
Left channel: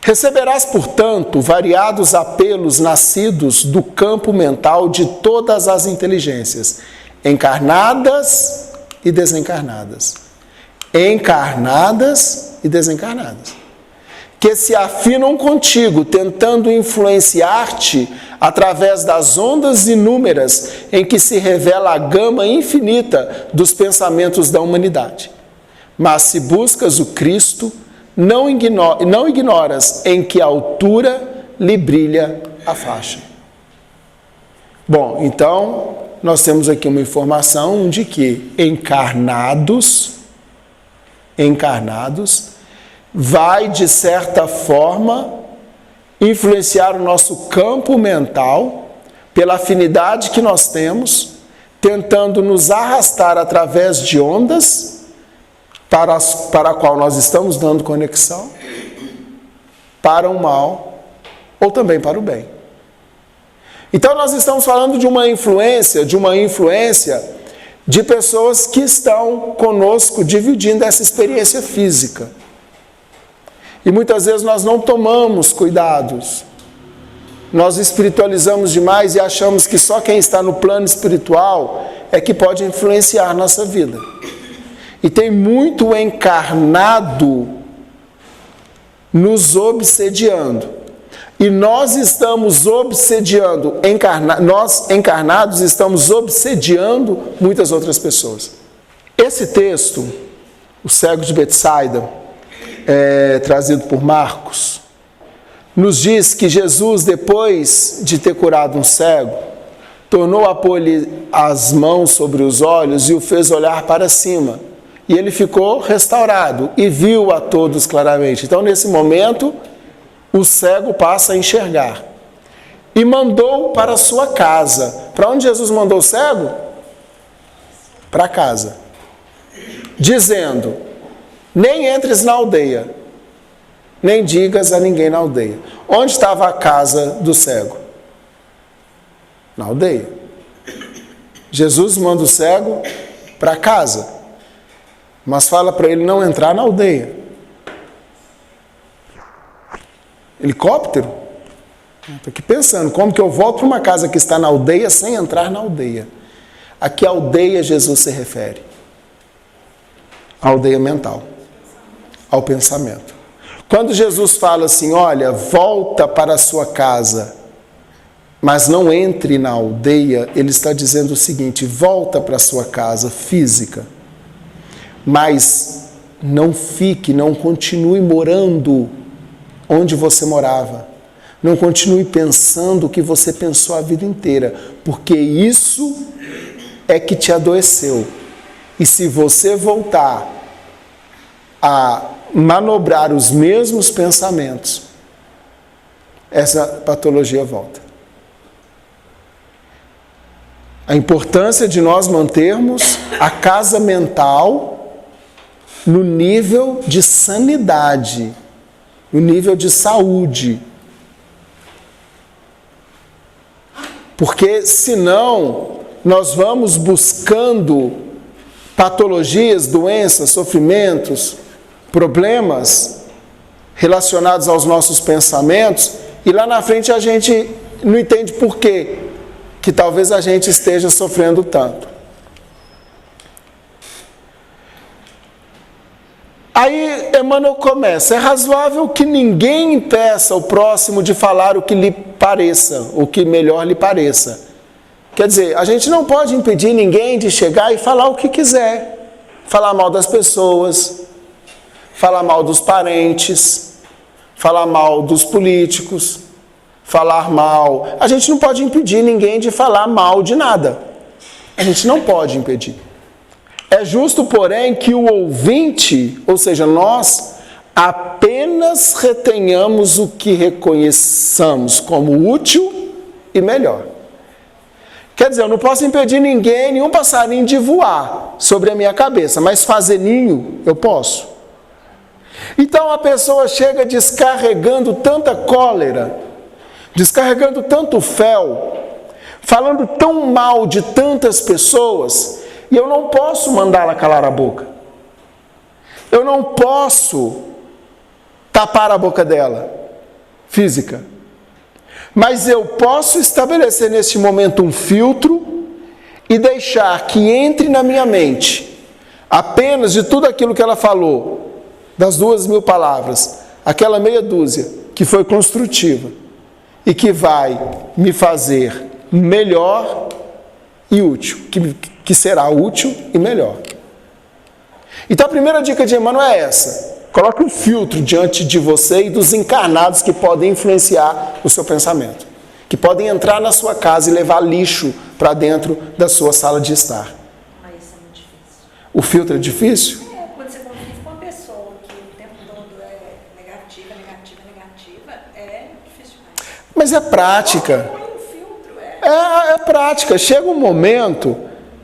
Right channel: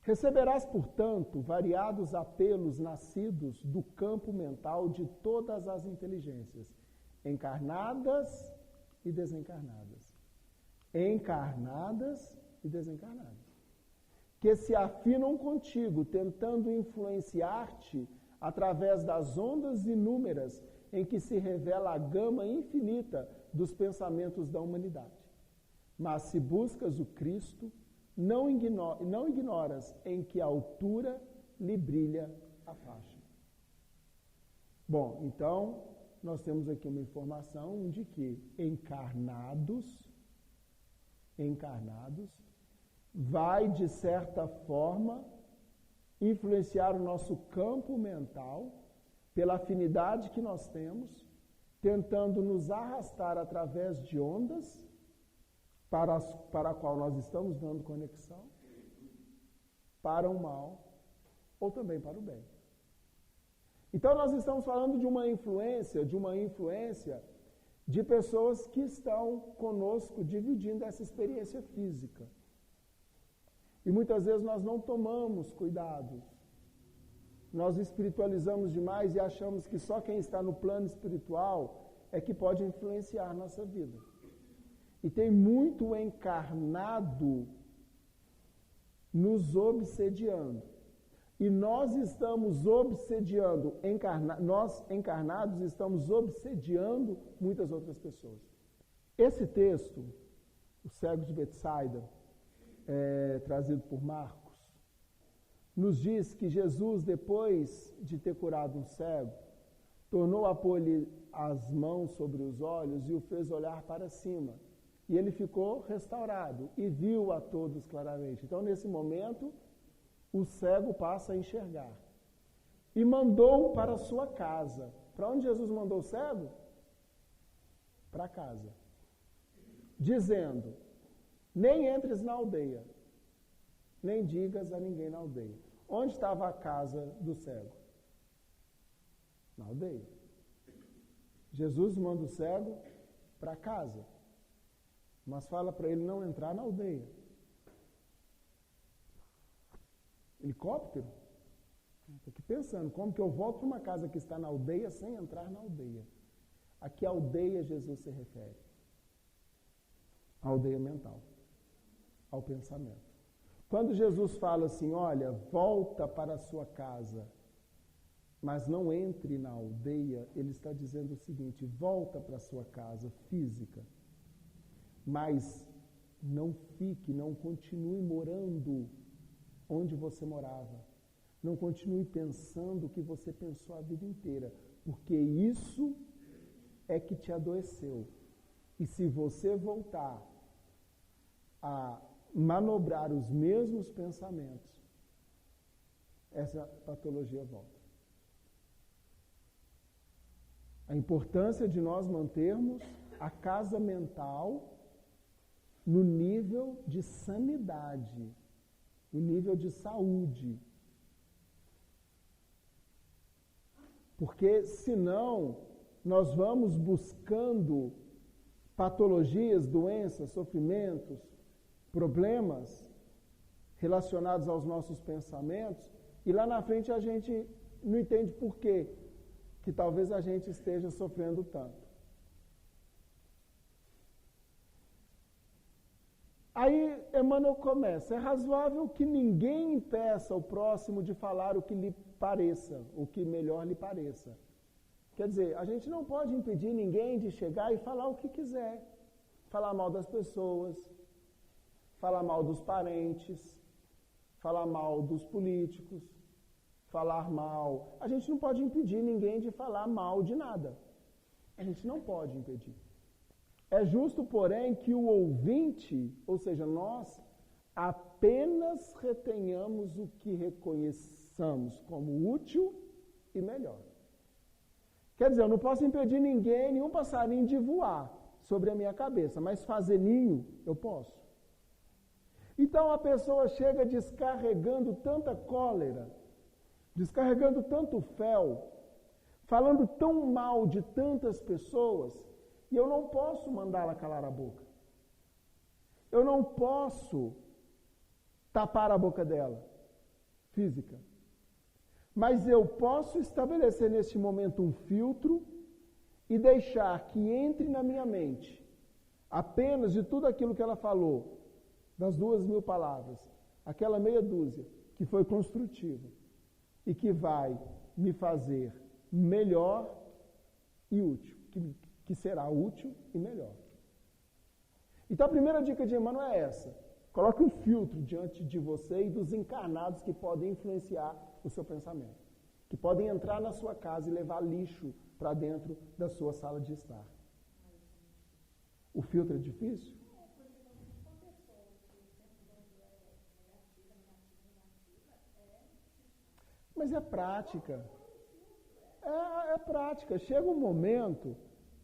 Receberás, portanto, variados apelos nascidos do campo mental de todas as inteligências, encarnadas e desencarnadas. Encarnadas e desencarnadas. Que se afinam contigo, tentando influenciar-te através das ondas inúmeras em que se revela a gama infinita dos pensamentos da humanidade. Mas se buscas o Cristo, não ignoras em que altura lhe brilha a faixa. Bom, então, nós temos aqui uma informação de que encarnados, vai, de certa forma, influenciar o nosso campo mental, pela afinidade que nós temos, tentando nos arrastar através de ondas, para a qual nós estamos dando conexão, para o mal ou também para o bem. Então nós estamos falando de uma influência de pessoas que estão conosco dividindo essa experiência física. E muitas vezes nós não tomamos cuidados. Nós espiritualizamos demais e achamos que só quem está no plano espiritual é que pode influenciar nossa vida. E tem muito encarnado nos obsediando. E nós estamos obsediando, nós encarnados estamos obsediando muitas outras pessoas. Esse texto, o cego de Betsaida, trazido por Marcos, nos diz que Jesus, depois de ter curado um cego, tornou a pôr-lhe as mãos sobre os olhos e o fez olhar para cima. E ele ficou restaurado e viu a todos claramente. Então, nesse momento, o cego passa a enxergar. E mandou para a sua casa. Para onde Jesus mandou o cego? Para casa. Dizendo: nem entres na aldeia, nem digas a ninguém na aldeia. Onde estava a casa do cego? Na aldeia. Jesus manda o cego para casa, mas fala para ele não entrar na aldeia. Helicóptero? Estou aqui pensando, como que eu volto para uma casa que está na aldeia sem entrar na aldeia? A que aldeia Jesus se refere? A aldeia mental, ao pensamento. Quando Jesus fala assim, olha, volta para a sua casa, mas não entre na aldeia, ele está dizendo o seguinte, volta para a sua casa física, mas não continue morando onde você morava. Não continue pensando o que você pensou a vida inteira, porque isso é que te adoeceu. E se você voltar a manobrar os mesmos pensamentos, essa patologia volta. A importância de nós mantermos a casa mental no nível de sanidade, no nível de saúde. Porque senão nós vamos buscando patologias, doenças, sofrimentos, problemas relacionados aos nossos pensamentos e lá na frente a gente não entende por quê que talvez a gente esteja sofrendo tanto. Aí Emmanuel começa, é razoável que ninguém impeça o próximo de falar o que lhe pareça, o que melhor lhe pareça. Quer dizer, a gente não pode impedir ninguém de chegar e falar o que quiser. Falar mal das pessoas, falar mal dos parentes, falar mal dos políticos, falar mal. A gente não pode impedir ninguém de falar mal de nada. A gente não pode impedir. É justo, porém, que o ouvinte, ou seja, nós, apenas retenhamos o que reconheçamos como útil e melhor. Quer dizer, eu não posso impedir ninguém, nenhum passarinho de voar sobre a minha cabeça, mas fazer ninho, eu posso. Então a pessoa chega descarregando tanta cólera, descarregando tanto fel, falando tão mal de tantas pessoas, e eu não posso mandá-la calar a boca. Eu não posso tapar a boca dela. física. Mas eu posso estabelecer neste momento um filtro e deixar que entre na minha mente apenas de tudo aquilo que ela falou, das 2.000 palavras, aquela meia dúzia que foi construtiva e que vai me fazer melhor e útil, que será útil e melhor. Então a primeira dica de Emmanuel é essa: coloque um filtro diante de você e dos encarnados que podem influenciar o seu pensamento, que podem entrar na sua casa e levar lixo para dentro da sua sala de estar. Mas isso é muito difícil. O filtro é difícil? Quando você convive com uma pessoa que o tempo todo é negativa, é difícil demais. Mas é prática. Põe um filtro, É prática. Chega um momento,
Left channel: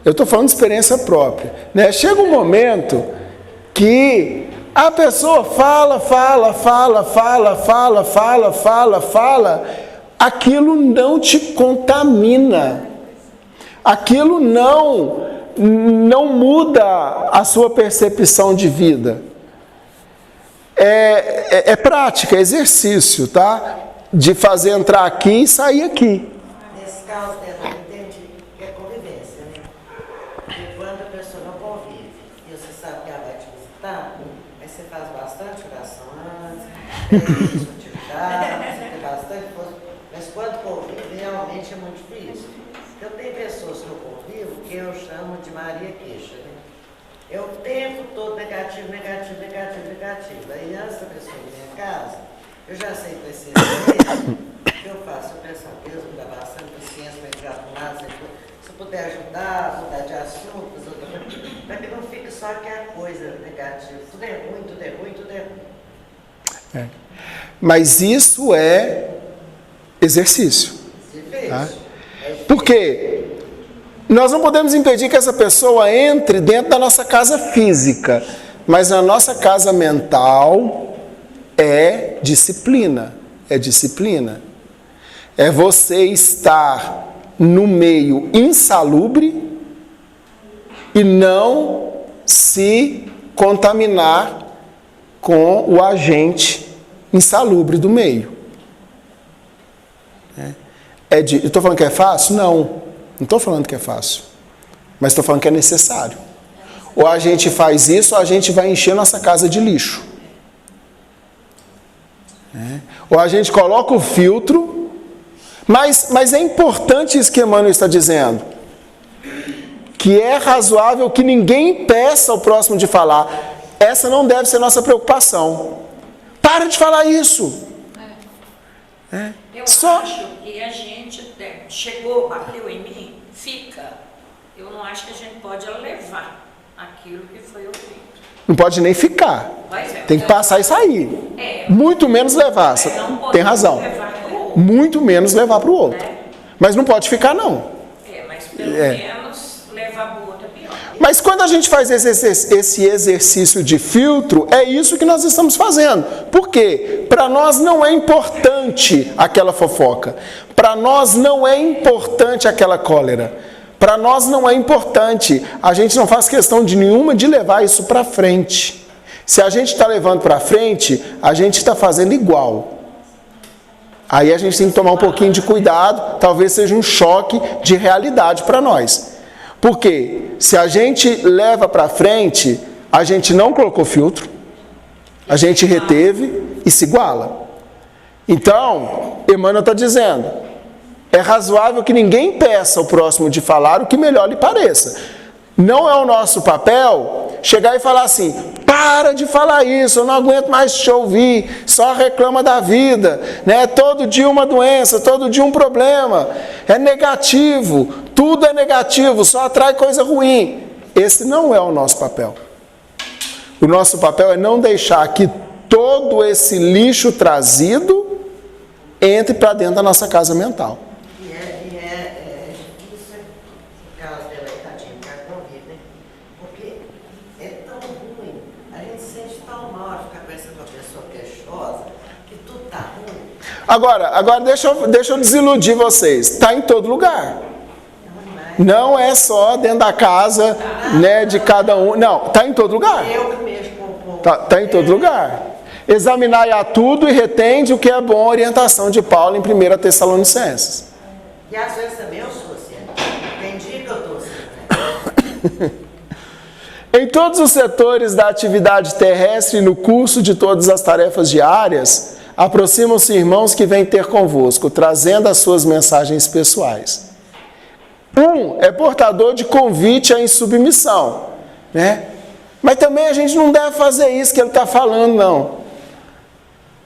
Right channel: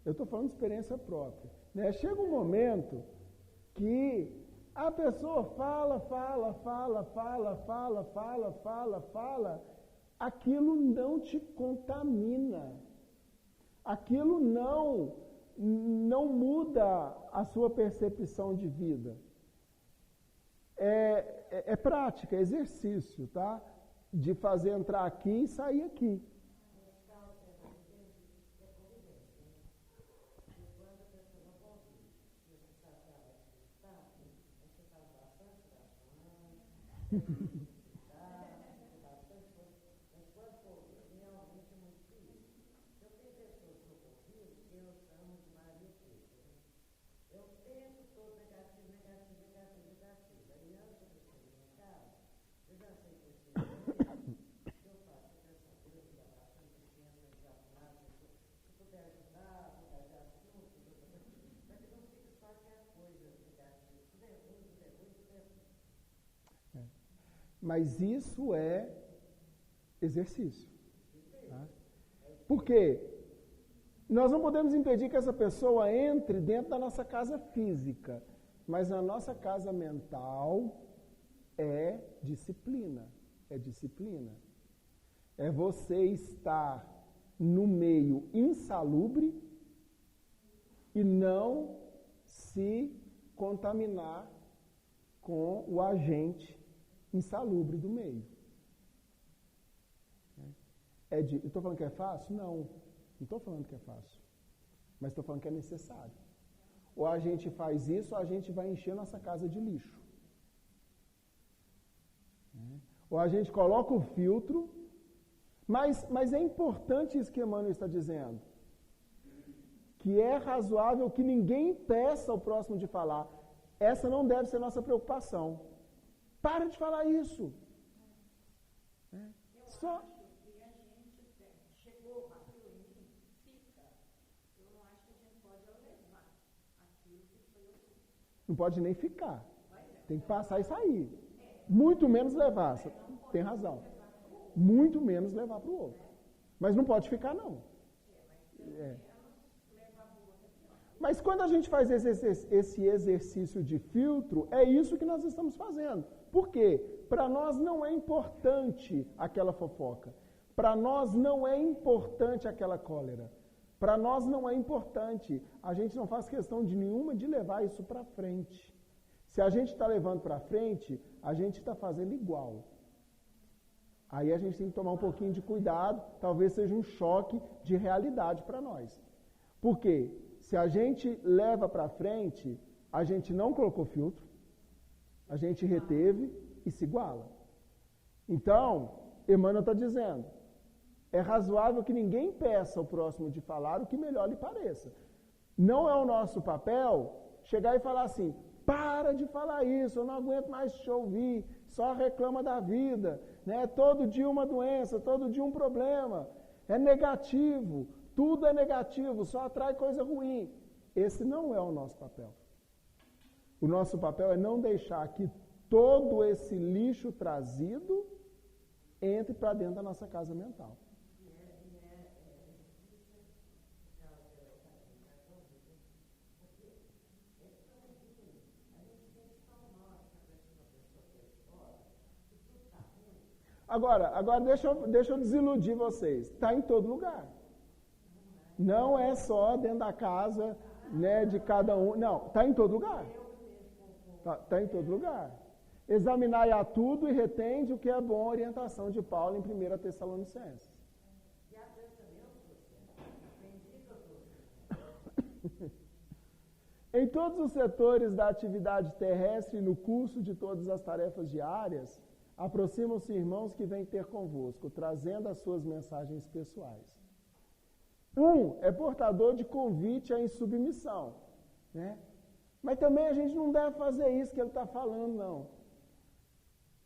eu estou falando de experiência própria, né? Chega um momento que a pessoa fala, aquilo não te contamina, aquilo não muda a sua percepção de vida. É prática, é exercício, tá? De fazer entrar aqui e sair aqui. Nesse caso dela, eu entendi que é convivência, né? Porque quando a pessoa não convive e você sabe que ela vai te visitar, aí você faz bastante oração antes, faz atividade, você tem bastante coisa. Mas quando convive, realmente é muito difícil. Eu tenho pessoas que eu convivo que eu chamo de Maria Queixa, né? É o tempo todo negativo. Aí antes da pessoa ir na minha casa, eu já sei que vai ser isso. O que eu faço? Eu penso, Deus me dá bastante paciência para entrar para um lado, se eu puder ajudar, mudar de assunto, para que não fique só aquela coisa negativa. Tudo é ruim. Mas isso é exercício. Tá? Porque nós não podemos impedir que essa pessoa entre dentro da nossa casa física, mas na nossa casa mental é disciplina. É você estar no meio insalubre e não se contaminar com o agente insalubre do meio. Eu estou falando que é fácil? Não estou falando que é fácil, mas estou falando que é necessário. Ou a gente faz isso, ou a gente vai encher nossa casa de lixo. Ou a gente coloca o filtro, mas é importante isso que Emmanuel está dizendo, que é razoável que ninguém peça ao próximo de falar. Essa não deve ser nossa preocupação. Para de falar isso. Eu acho que a gente chegou, bateu em mim, fica. Eu não acho que a gente pode levar aquilo que foi ouvido. Não pode nem ficar. Tem que passar e sair. Muito menos levar. Tem razão. Muito menos levar para o outro. Mas não pode ficar, não. Mas pelo menos levar para o outro é pior. Mas quando a gente faz esse exercício de filtro, é isso que nós estamos fazendo. Por quê? Para nós não é importante aquela fofoca. Para nós não é importante aquela cólera. Para nós não é importante. A gente não faz questão de nenhuma de levar isso para frente. Se a gente está levando para frente, a gente está fazendo igual. Aí a gente tem que tomar um pouquinho de cuidado. Talvez seja um choque de realidade para nós. Porque se a gente leva para frente, a gente não colocou filtro, a gente reteve e se iguala. Então, Emmanuel está dizendo, é razoável que ninguém peça ao próximo de falar o que melhor lhe pareça. Não é o nosso papel chegar e falar assim, para de falar isso, eu não aguento mais te ouvir, só reclama da vida, né? Todo dia uma doença, todo dia um problema, é negativo, tudo é negativo, só atrai coisa ruim. Esse não é o nosso papel. O nosso papel é não deixar que todo esse lixo trazido entre para dentro da nossa casa mental. Agora deixa eu desiludir vocês. Está em todo lugar. Não é só dentro da casa, né, de cada um. Não, está em todo lugar. Está em todo lugar. Examinai a tudo e retende o que é bom, orientação de Paulo em 1 Tessalonicenses. E às vezes também eu sou assim. Tem dia que eu estou assim. Em todos os setores da atividade terrestre e no curso de todas as tarefas diárias, aproximam-se irmãos que vêm ter convosco, trazendo as suas mensagens pessoais. Um é portador de convite à insubmissão, né? Mas também a gente não deve fazer isso que ele está falando, não.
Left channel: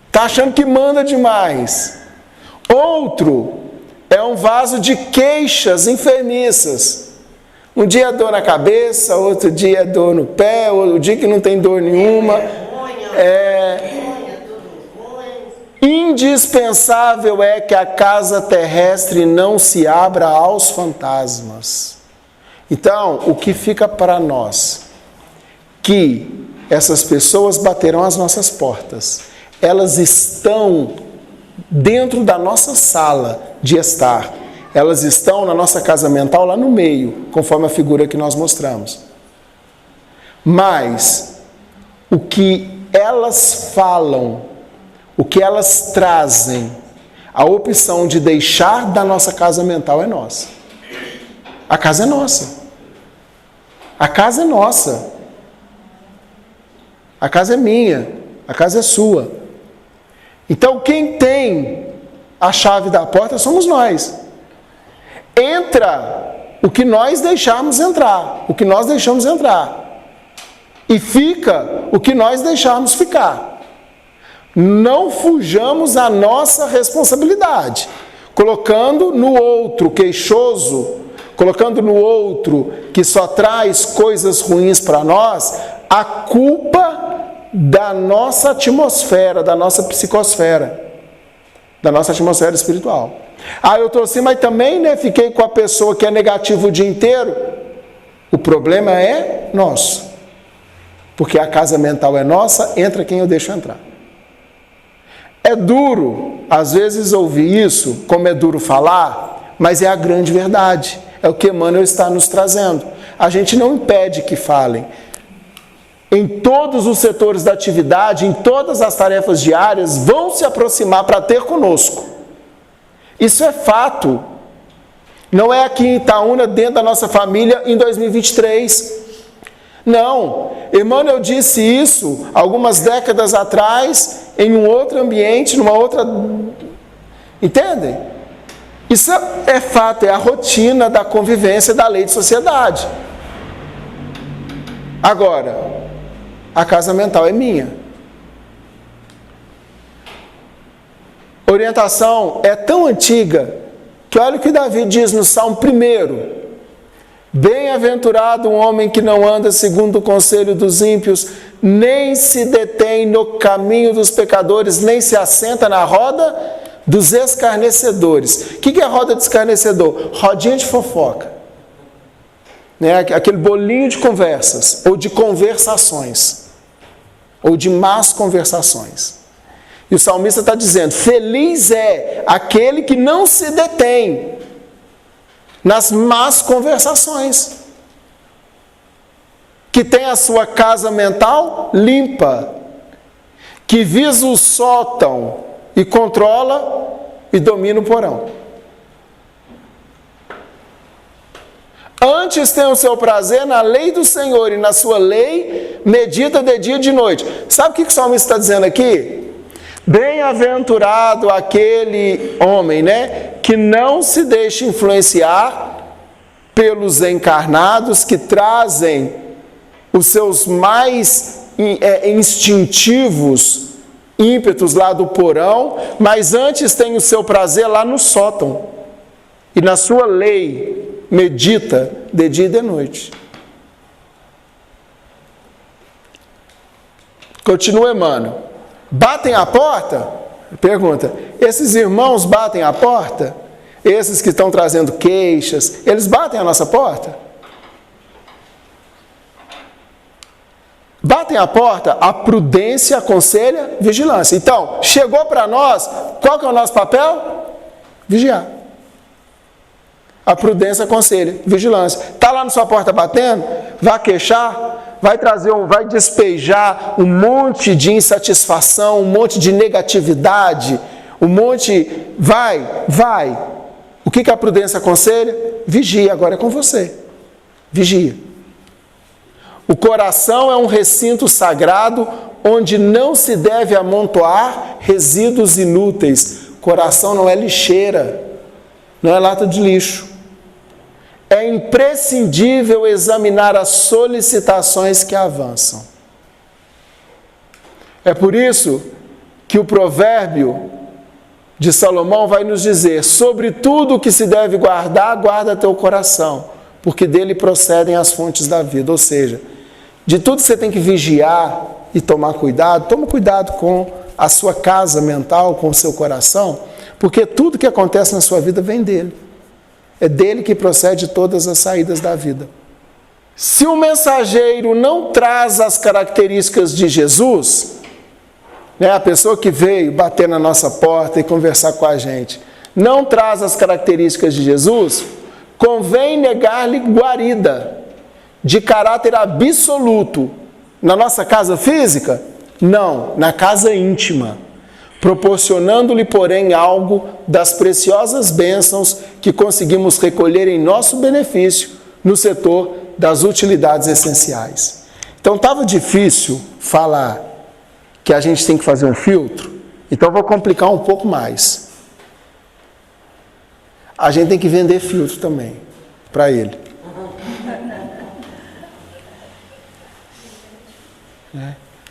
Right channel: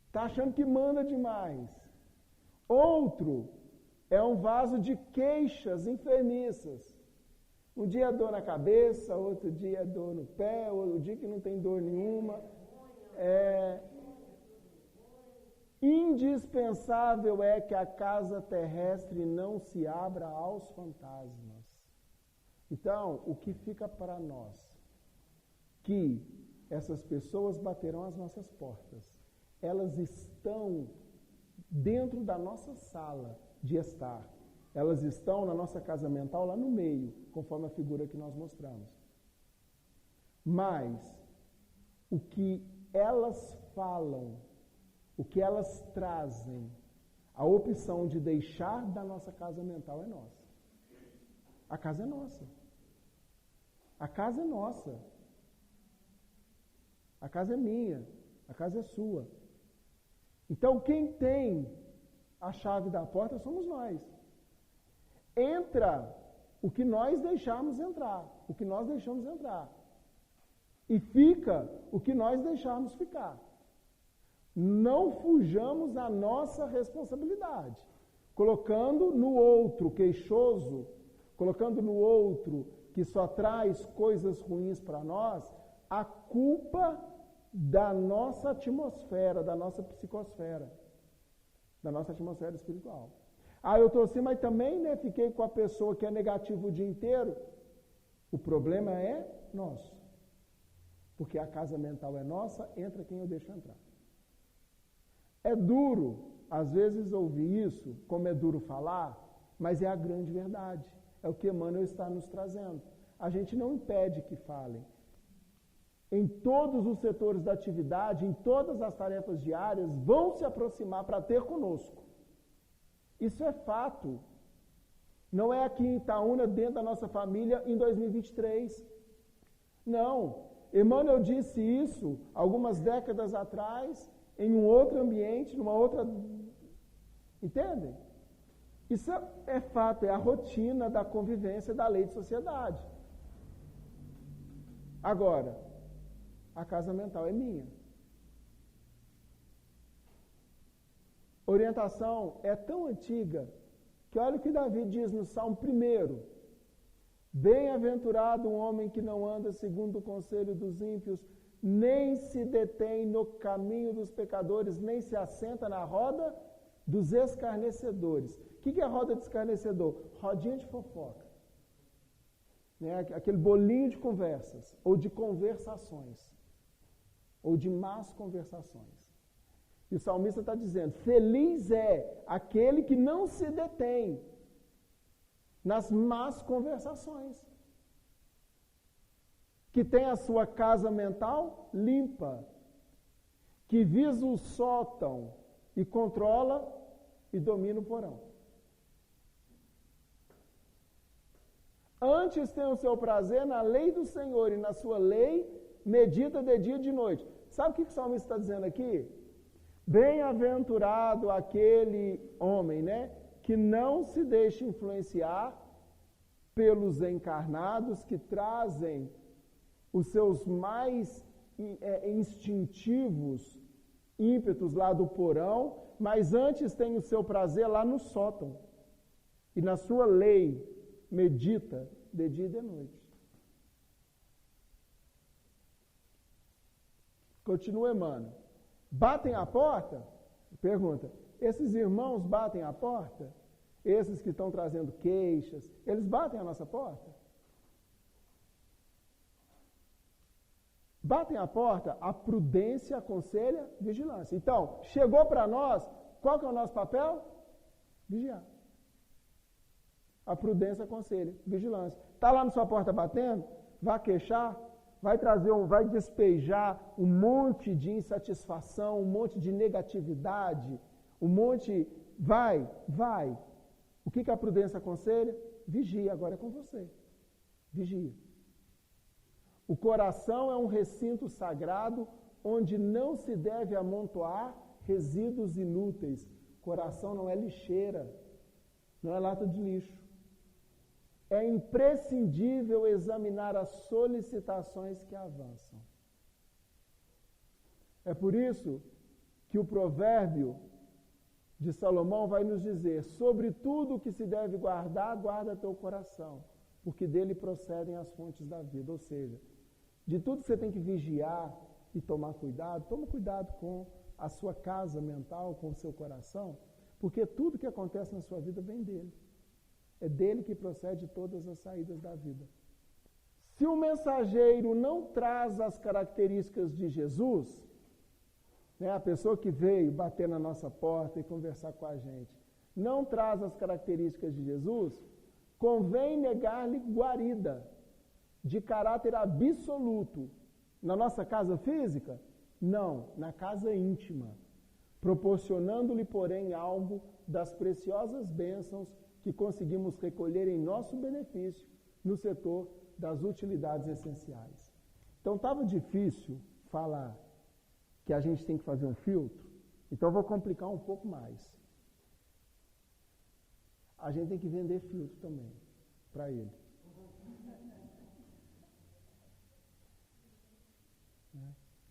Está achando que manda demais. Outro é um vaso de queixas enfermiças. Um dia é dor na cabeça, outro dia é dor no pé, outro dia que não tem dor nenhuma. Indispensável é que a casa terrestre não se abra aos fantasmas. Então, o que fica para nós? Que essas pessoas baterão as nossas portas. Elas estão dentro da nossa sala de estar. Elas estão na nossa casa mental lá no meio, conforme a figura que nós mostramos. Mas o que elas falam, o que elas trazem, a opção de deixar da nossa casa mental é nossa. A casa é nossa. A casa é nossa. A casa é minha. A casa é sua. Então, quem tem a chave da porta somos nós. Entra o que nós deixarmos entrar, o que nós deixamos entrar. E fica o que nós deixarmos ficar. Não fujamos a nossa responsabilidade, colocando no outro queixoso, colocando no outro que só traz coisas ruins para nós, a culpa da nossa atmosfera, da nossa psicosfera, da nossa atmosfera espiritual. Eu estou assim, mas também fiquei com a pessoa que é negativa o dia inteiro. O problema é nosso. Porque a casa mental é nossa, entra quem eu deixo entrar. É duro, às vezes, ouvir isso, como é duro falar, mas é a grande verdade. É o que Emmanuel está nos trazendo. A gente não impede que falem. Em todos os setores da atividade, em todas as tarefas diárias, vão se aproximar para ter conosco. Isso é fato. Não é aqui em Itaúna, dentro da nossa família, em 2023. Não. Emmanuel disse isso algumas décadas atrás, em um outro ambiente, numa outra... Entendem? Isso é fato, é a rotina da convivência da lei de sociedade. Agora, a casa mental é minha. A orientação é tão antiga que olha o que Davi diz no Salmo 1. Bem-aventurado um homem que não anda segundo o conselho dos ímpios, nem se detém no caminho dos pecadores, nem se assenta na roda dos escarnecedores. O que é roda de escarnecedor? Rodinha de fofoca. Aquele bolinho de conversas, ou de conversações, ou de más conversações. E o salmista está dizendo, feliz é aquele que não se detém nas más conversações, que tem a sua casa mental limpa, que visa o sótão e controla e domina o porão. Antes tem o seu prazer na lei do Senhor, e na sua lei medita de dia e de noite. Sabe o que o salmista está dizendo aqui? Bem-aventurado aquele homem, que não se deixa influenciar pelos encarnados que trazem os seus mais instintivos ímpetos lá do porão, mas antes tem o seu prazer lá no sótão. E na sua lei medita de dia e de noite. Continua Emmanuel. Batem a porta? Pergunta. Esses irmãos batem a porta? Esses que estão trazendo queixas, eles batem a nossa porta? Batem a porta, a prudência aconselha vigilância. Então, chegou para nós, qual que é o nosso papel? Vigiar. A prudência aconselha vigilância. Está lá na sua porta batendo? Vá queixar? vai despejar um monte de insatisfação, um monte de negatividade, vai. O que a prudência aconselha? Vigia, agora é com você. Vigia. O coração é um recinto sagrado onde não se deve amontoar resíduos inúteis. Coração não é lixeira, não é lata de lixo. É imprescindível examinar as solicitações que avançam. É por isso que o provérbio de Salomão vai nos dizer: sobre tudo o que se deve guardar, guarda teu coração, porque dele procedem as fontes da vida. Ou seja, de tudo você tem que vigiar e tomar cuidado. Toma cuidado com a sua casa mental, com o seu coração, porque tudo que acontece na sua vida vem dele. É dele que procede todas as saídas da vida. Se o mensageiro não traz as características de Jesus, a pessoa que veio bater na nossa porta e conversar com a gente, não traz as características de Jesus, convém negar-lhe guarida, de caráter absoluto. Na nossa casa física? Não, na casa íntima. Proporcionando-lhe, porém, algo das preciosas bênçãos que conseguimos recolher em nosso benefício no setor das utilidades essenciais. Então, estava difícil falar que a gente tem que fazer um filtro, então vou complicar um pouco mais. A gente tem que vender filtro também, para ele.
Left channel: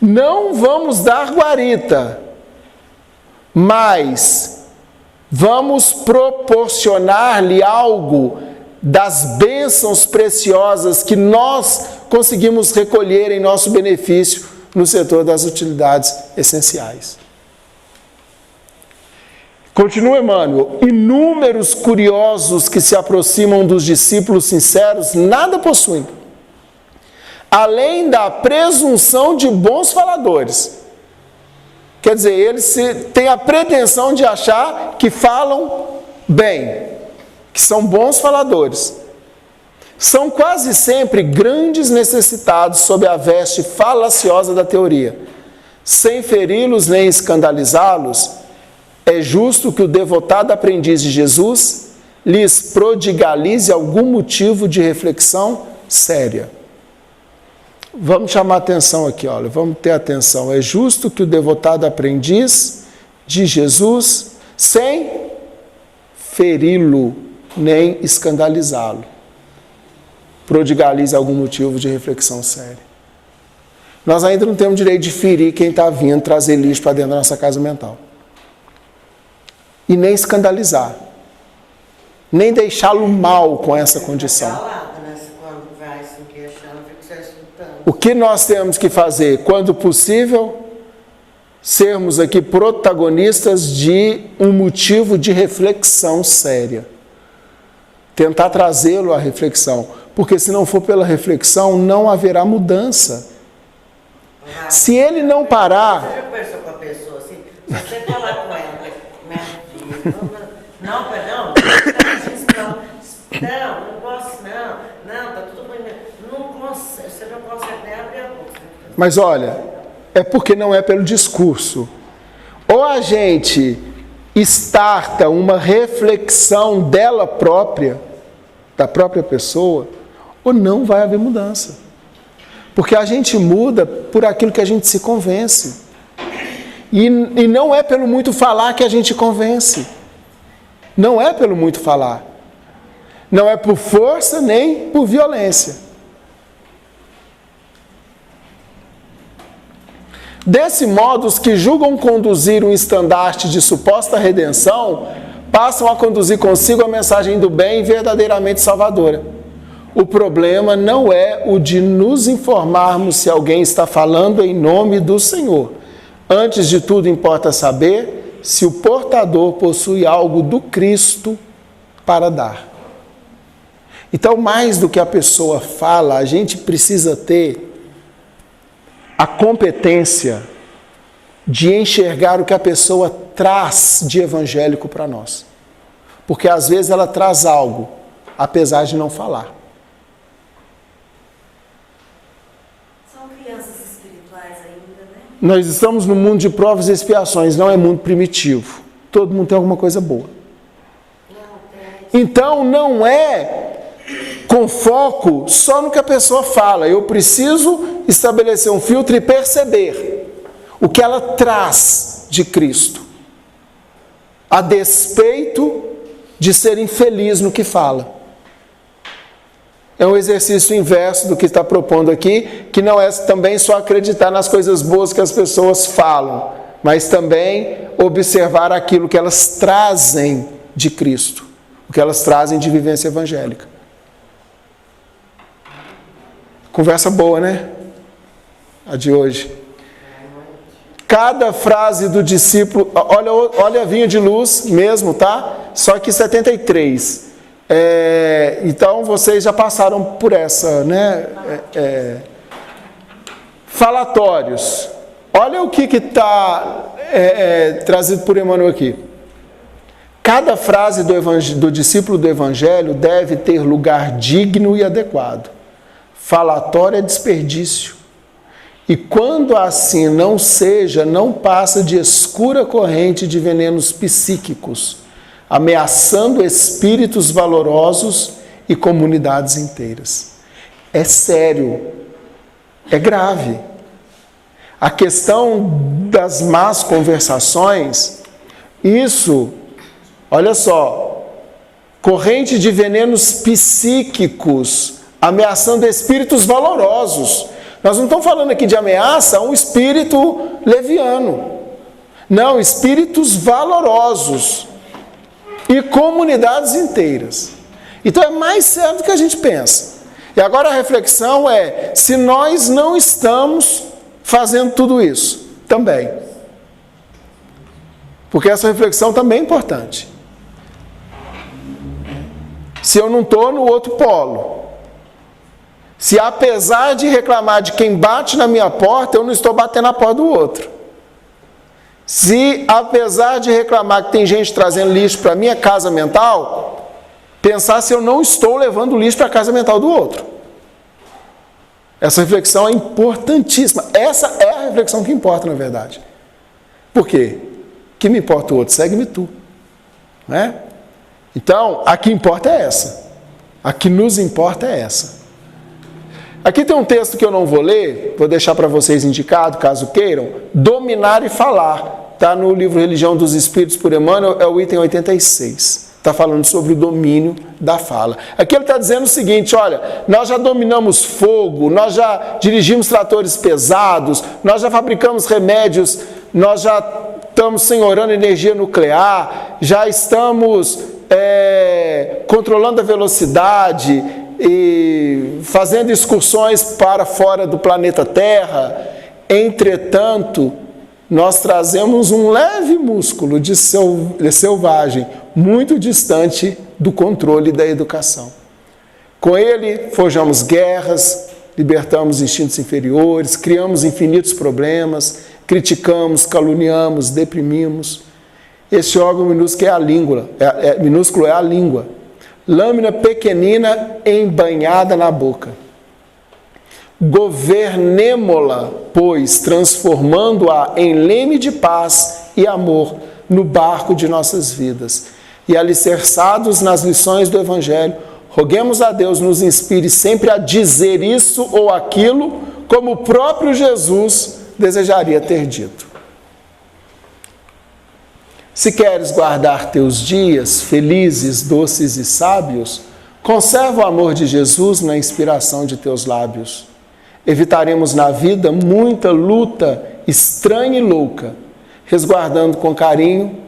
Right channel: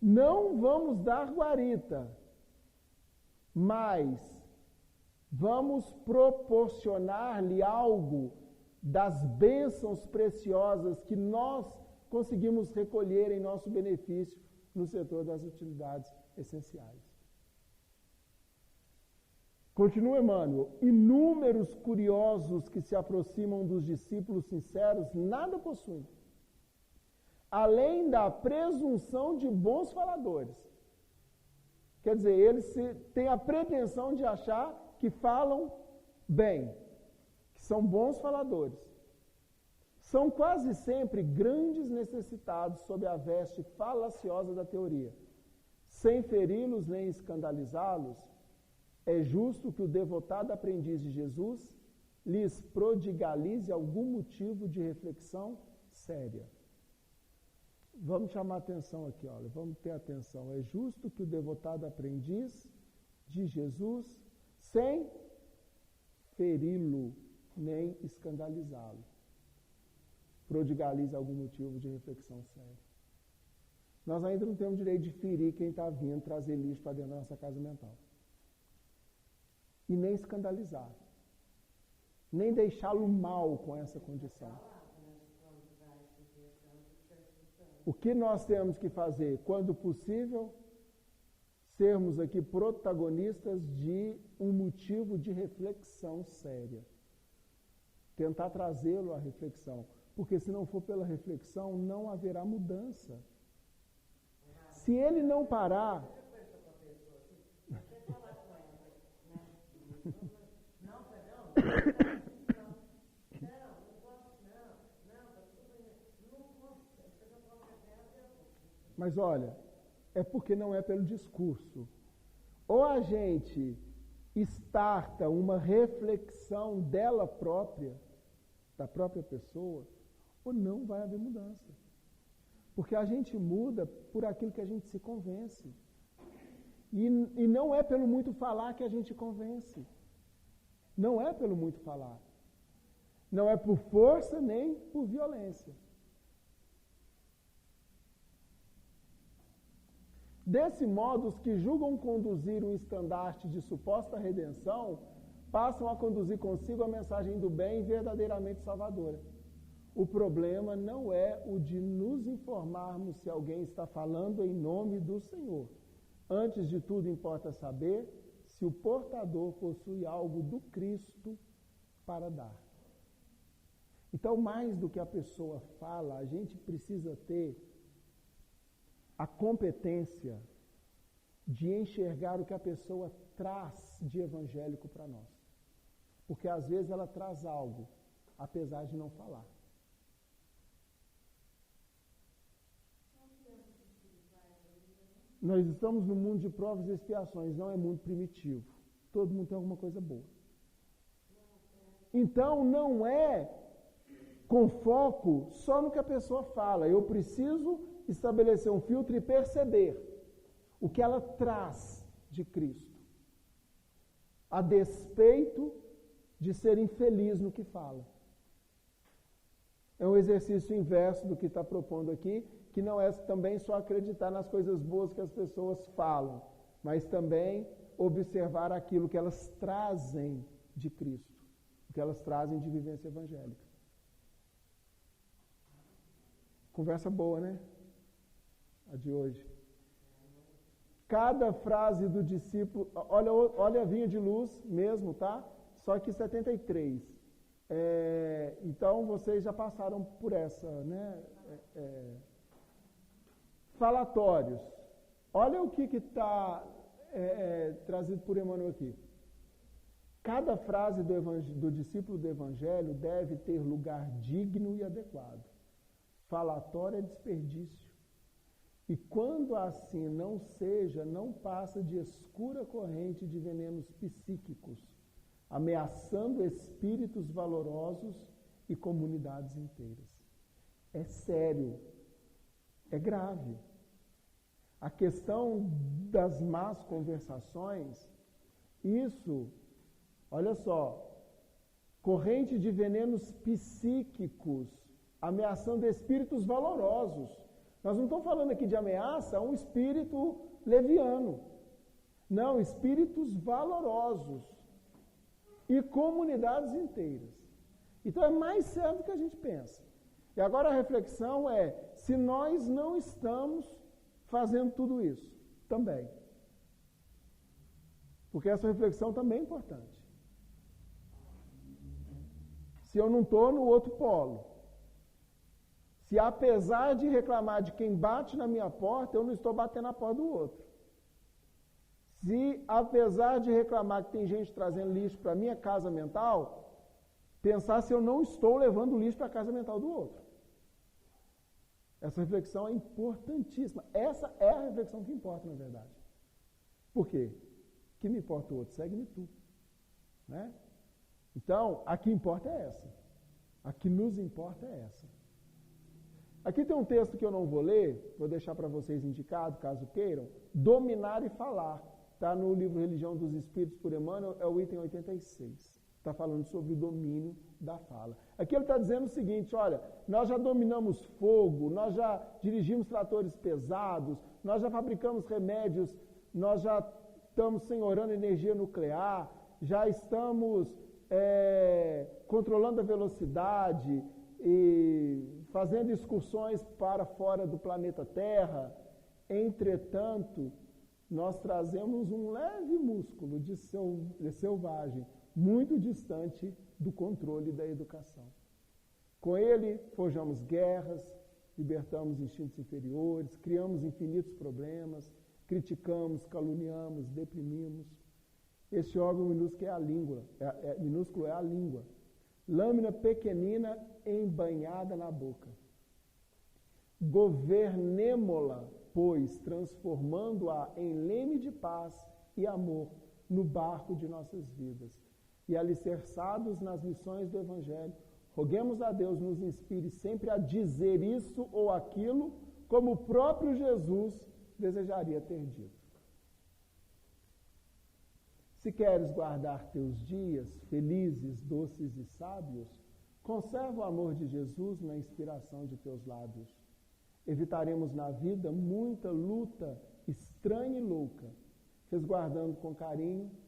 Não vamos dar guarita, mas vamos proporcionar-lhe algo das bênçãos preciosas que nós conseguimos recolher em nosso benefício no setor das utilidades essenciais. Continua Emmanuel: inúmeros curiosos que se aproximam dos discípulos sinceros nada possuem, além da presunção de bons faladores. Quer dizer, eles têm a pretensão de achar que falam bem, que são bons faladores. São quase sempre grandes necessitados sob a veste falaciosa da teoria. Sem feri-los nem escandalizá-los, é justo que o devotado aprendiz de Jesus lhes prodigalize algum motivo de reflexão séria. Vamos chamar atenção aqui, olha, vamos ter atenção. É justo que o devotado aprendiz de Jesus, sem feri-lo nem escandalizá-lo, prodigalize algum motivo de reflexão séria. Nós ainda não temos direito de ferir quem está vindo trazer lixo para dentro da nossa casa mental. E nem escandalizar, nem deixá-lo mal com essa condição. O que nós temos que fazer? Quando possível, sermos aqui protagonistas de um motivo de reflexão séria. Tentar trazê-lo à reflexão. Porque se não for pela reflexão, não haverá mudança. Se ele não parar... Você já conversou com a pessoa assim? Se você falar com ela, minha filha, não, não posso, não, tá tudo bem. Você não consegue nem abrir a boca. Mas olha, é porque não é pelo discurso. Ou a gente starta uma reflexão dela própria, da própria pessoa, ou não vai haver mudança. Porque a gente muda por aquilo que a gente se convence. E não é pelo muito falar que a gente convence. Não é pelo muito falar. Não é por força nem por violência. Desse modo, os que julgam conduzir um estandarte de suposta redenção, passam a conduzir consigo a mensagem do bem verdadeiramente salvadora. O problema não é o de nos informarmos se alguém está falando em nome do Senhor. Antes de tudo, importa saber se o portador possui algo do Cristo para dar. Então, mais do que a pessoa fala, a gente precisa ter a competência de enxergar o que a pessoa traz de evangélico para nós. Porque às vezes ela traz algo, apesar de não falar. São crianças espirituais ainda, né? Nós estamos no mundo de provas e expiações, não é mundo primitivo. Todo mundo tem alguma coisa boa. Então não é com foco só no que a pessoa fala. Eu preciso estabelecer um filtro e perceber o que ela traz de Cristo, a despeito de ser infeliz no que fala. É um exercício inverso do que está propondo aqui, que não é também só acreditar nas coisas boas que as pessoas falam, mas também observar aquilo que elas trazem de Cristo, o que elas trazem de vivência evangélica. Conversa boa, né? A de hoje. Cada frase do discípulo, olha a vinha de luz mesmo, tá? Só que 73. Então vocês já passaram por essa, né? Falatórios. Olha o que está trazido por Emmanuel aqui. Cada frase do discípulo do Evangelho deve ter lugar digno e adequado. Falatório é desperdício. E quando assim não seja, não passa de escura corrente de venenos psíquicos, ameaçando espíritos valorosos e comunidades inteiras. É sério, é grave. A questão das más conversações, isso, olha só, corrente de venenos psíquicos, ameaçando espíritos valorosos. Nós não estamos falando aqui de ameaça a um espírito leviano. Não, espíritos valorosos e comunidades inteiras. Então é mais sério do que a gente pensa. E agora a reflexão é, se nós não estamos fazendo tudo isso também. Porque essa reflexão também é importante. Se eu não estou no outro polo, se apesar de reclamar de quem bate na minha porta, eu não estou batendo na porta do outro. Se apesar de reclamar que tem gente trazendo lixo para a minha casa mental, pensar se eu não estou levando lixo para a casa mental do outro. Essa reflexão é importantíssima. Essa é a reflexão que importa, na verdade. Por quê? Que me importa o outro? Segue-me tu. Né? Então, a que importa é essa. A que nos importa é essa. Aqui tem um texto que eu não vou ler, vou deixar para vocês indicado, caso queiram. Dominar e falar. Está no livro Religião dos Espíritos, por Emmanuel, é o item 86. Está falando sobre o domínio da fala. Aqui ele está dizendo o seguinte, olha, nós já dominamos fogo, nós já dirigimos tratores pesados, nós já fabricamos remédios, nós já estamos senhorando energia nuclear, já estamos controlando a velocidade e fazendo excursões para fora do planeta Terra. Entretanto, nós trazemos um leve músculo de selvagem, muito distante do controle da educação. Com ele, forjamos guerras, libertamos instintos inferiores, criamos infinitos problemas, criticamos, caluniamos, deprimimos. Esse órgão minúsculo é a língua, minúsculo é a língua. Lâmina pequenina embanhada na boca. Governemo-la, pois, transformando-a em leme de paz e amor no barco de nossas vidas. E alicerçados nas lições do Evangelho, roguemos a Deus nos inspire sempre a dizer isso ou aquilo, como o próprio Jesus desejaria ter dito. Se queres guardar teus dias felizes, doces e sábios, conserva o amor de Jesus na inspiração de teus lábios. Evitaremos na vida muita luta estranha e louca, resguardando com carinho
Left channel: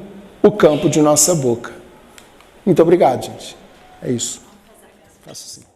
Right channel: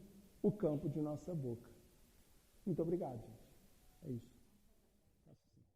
o campo de nossa boca. Muito obrigado, gente. É isso. Faço assim.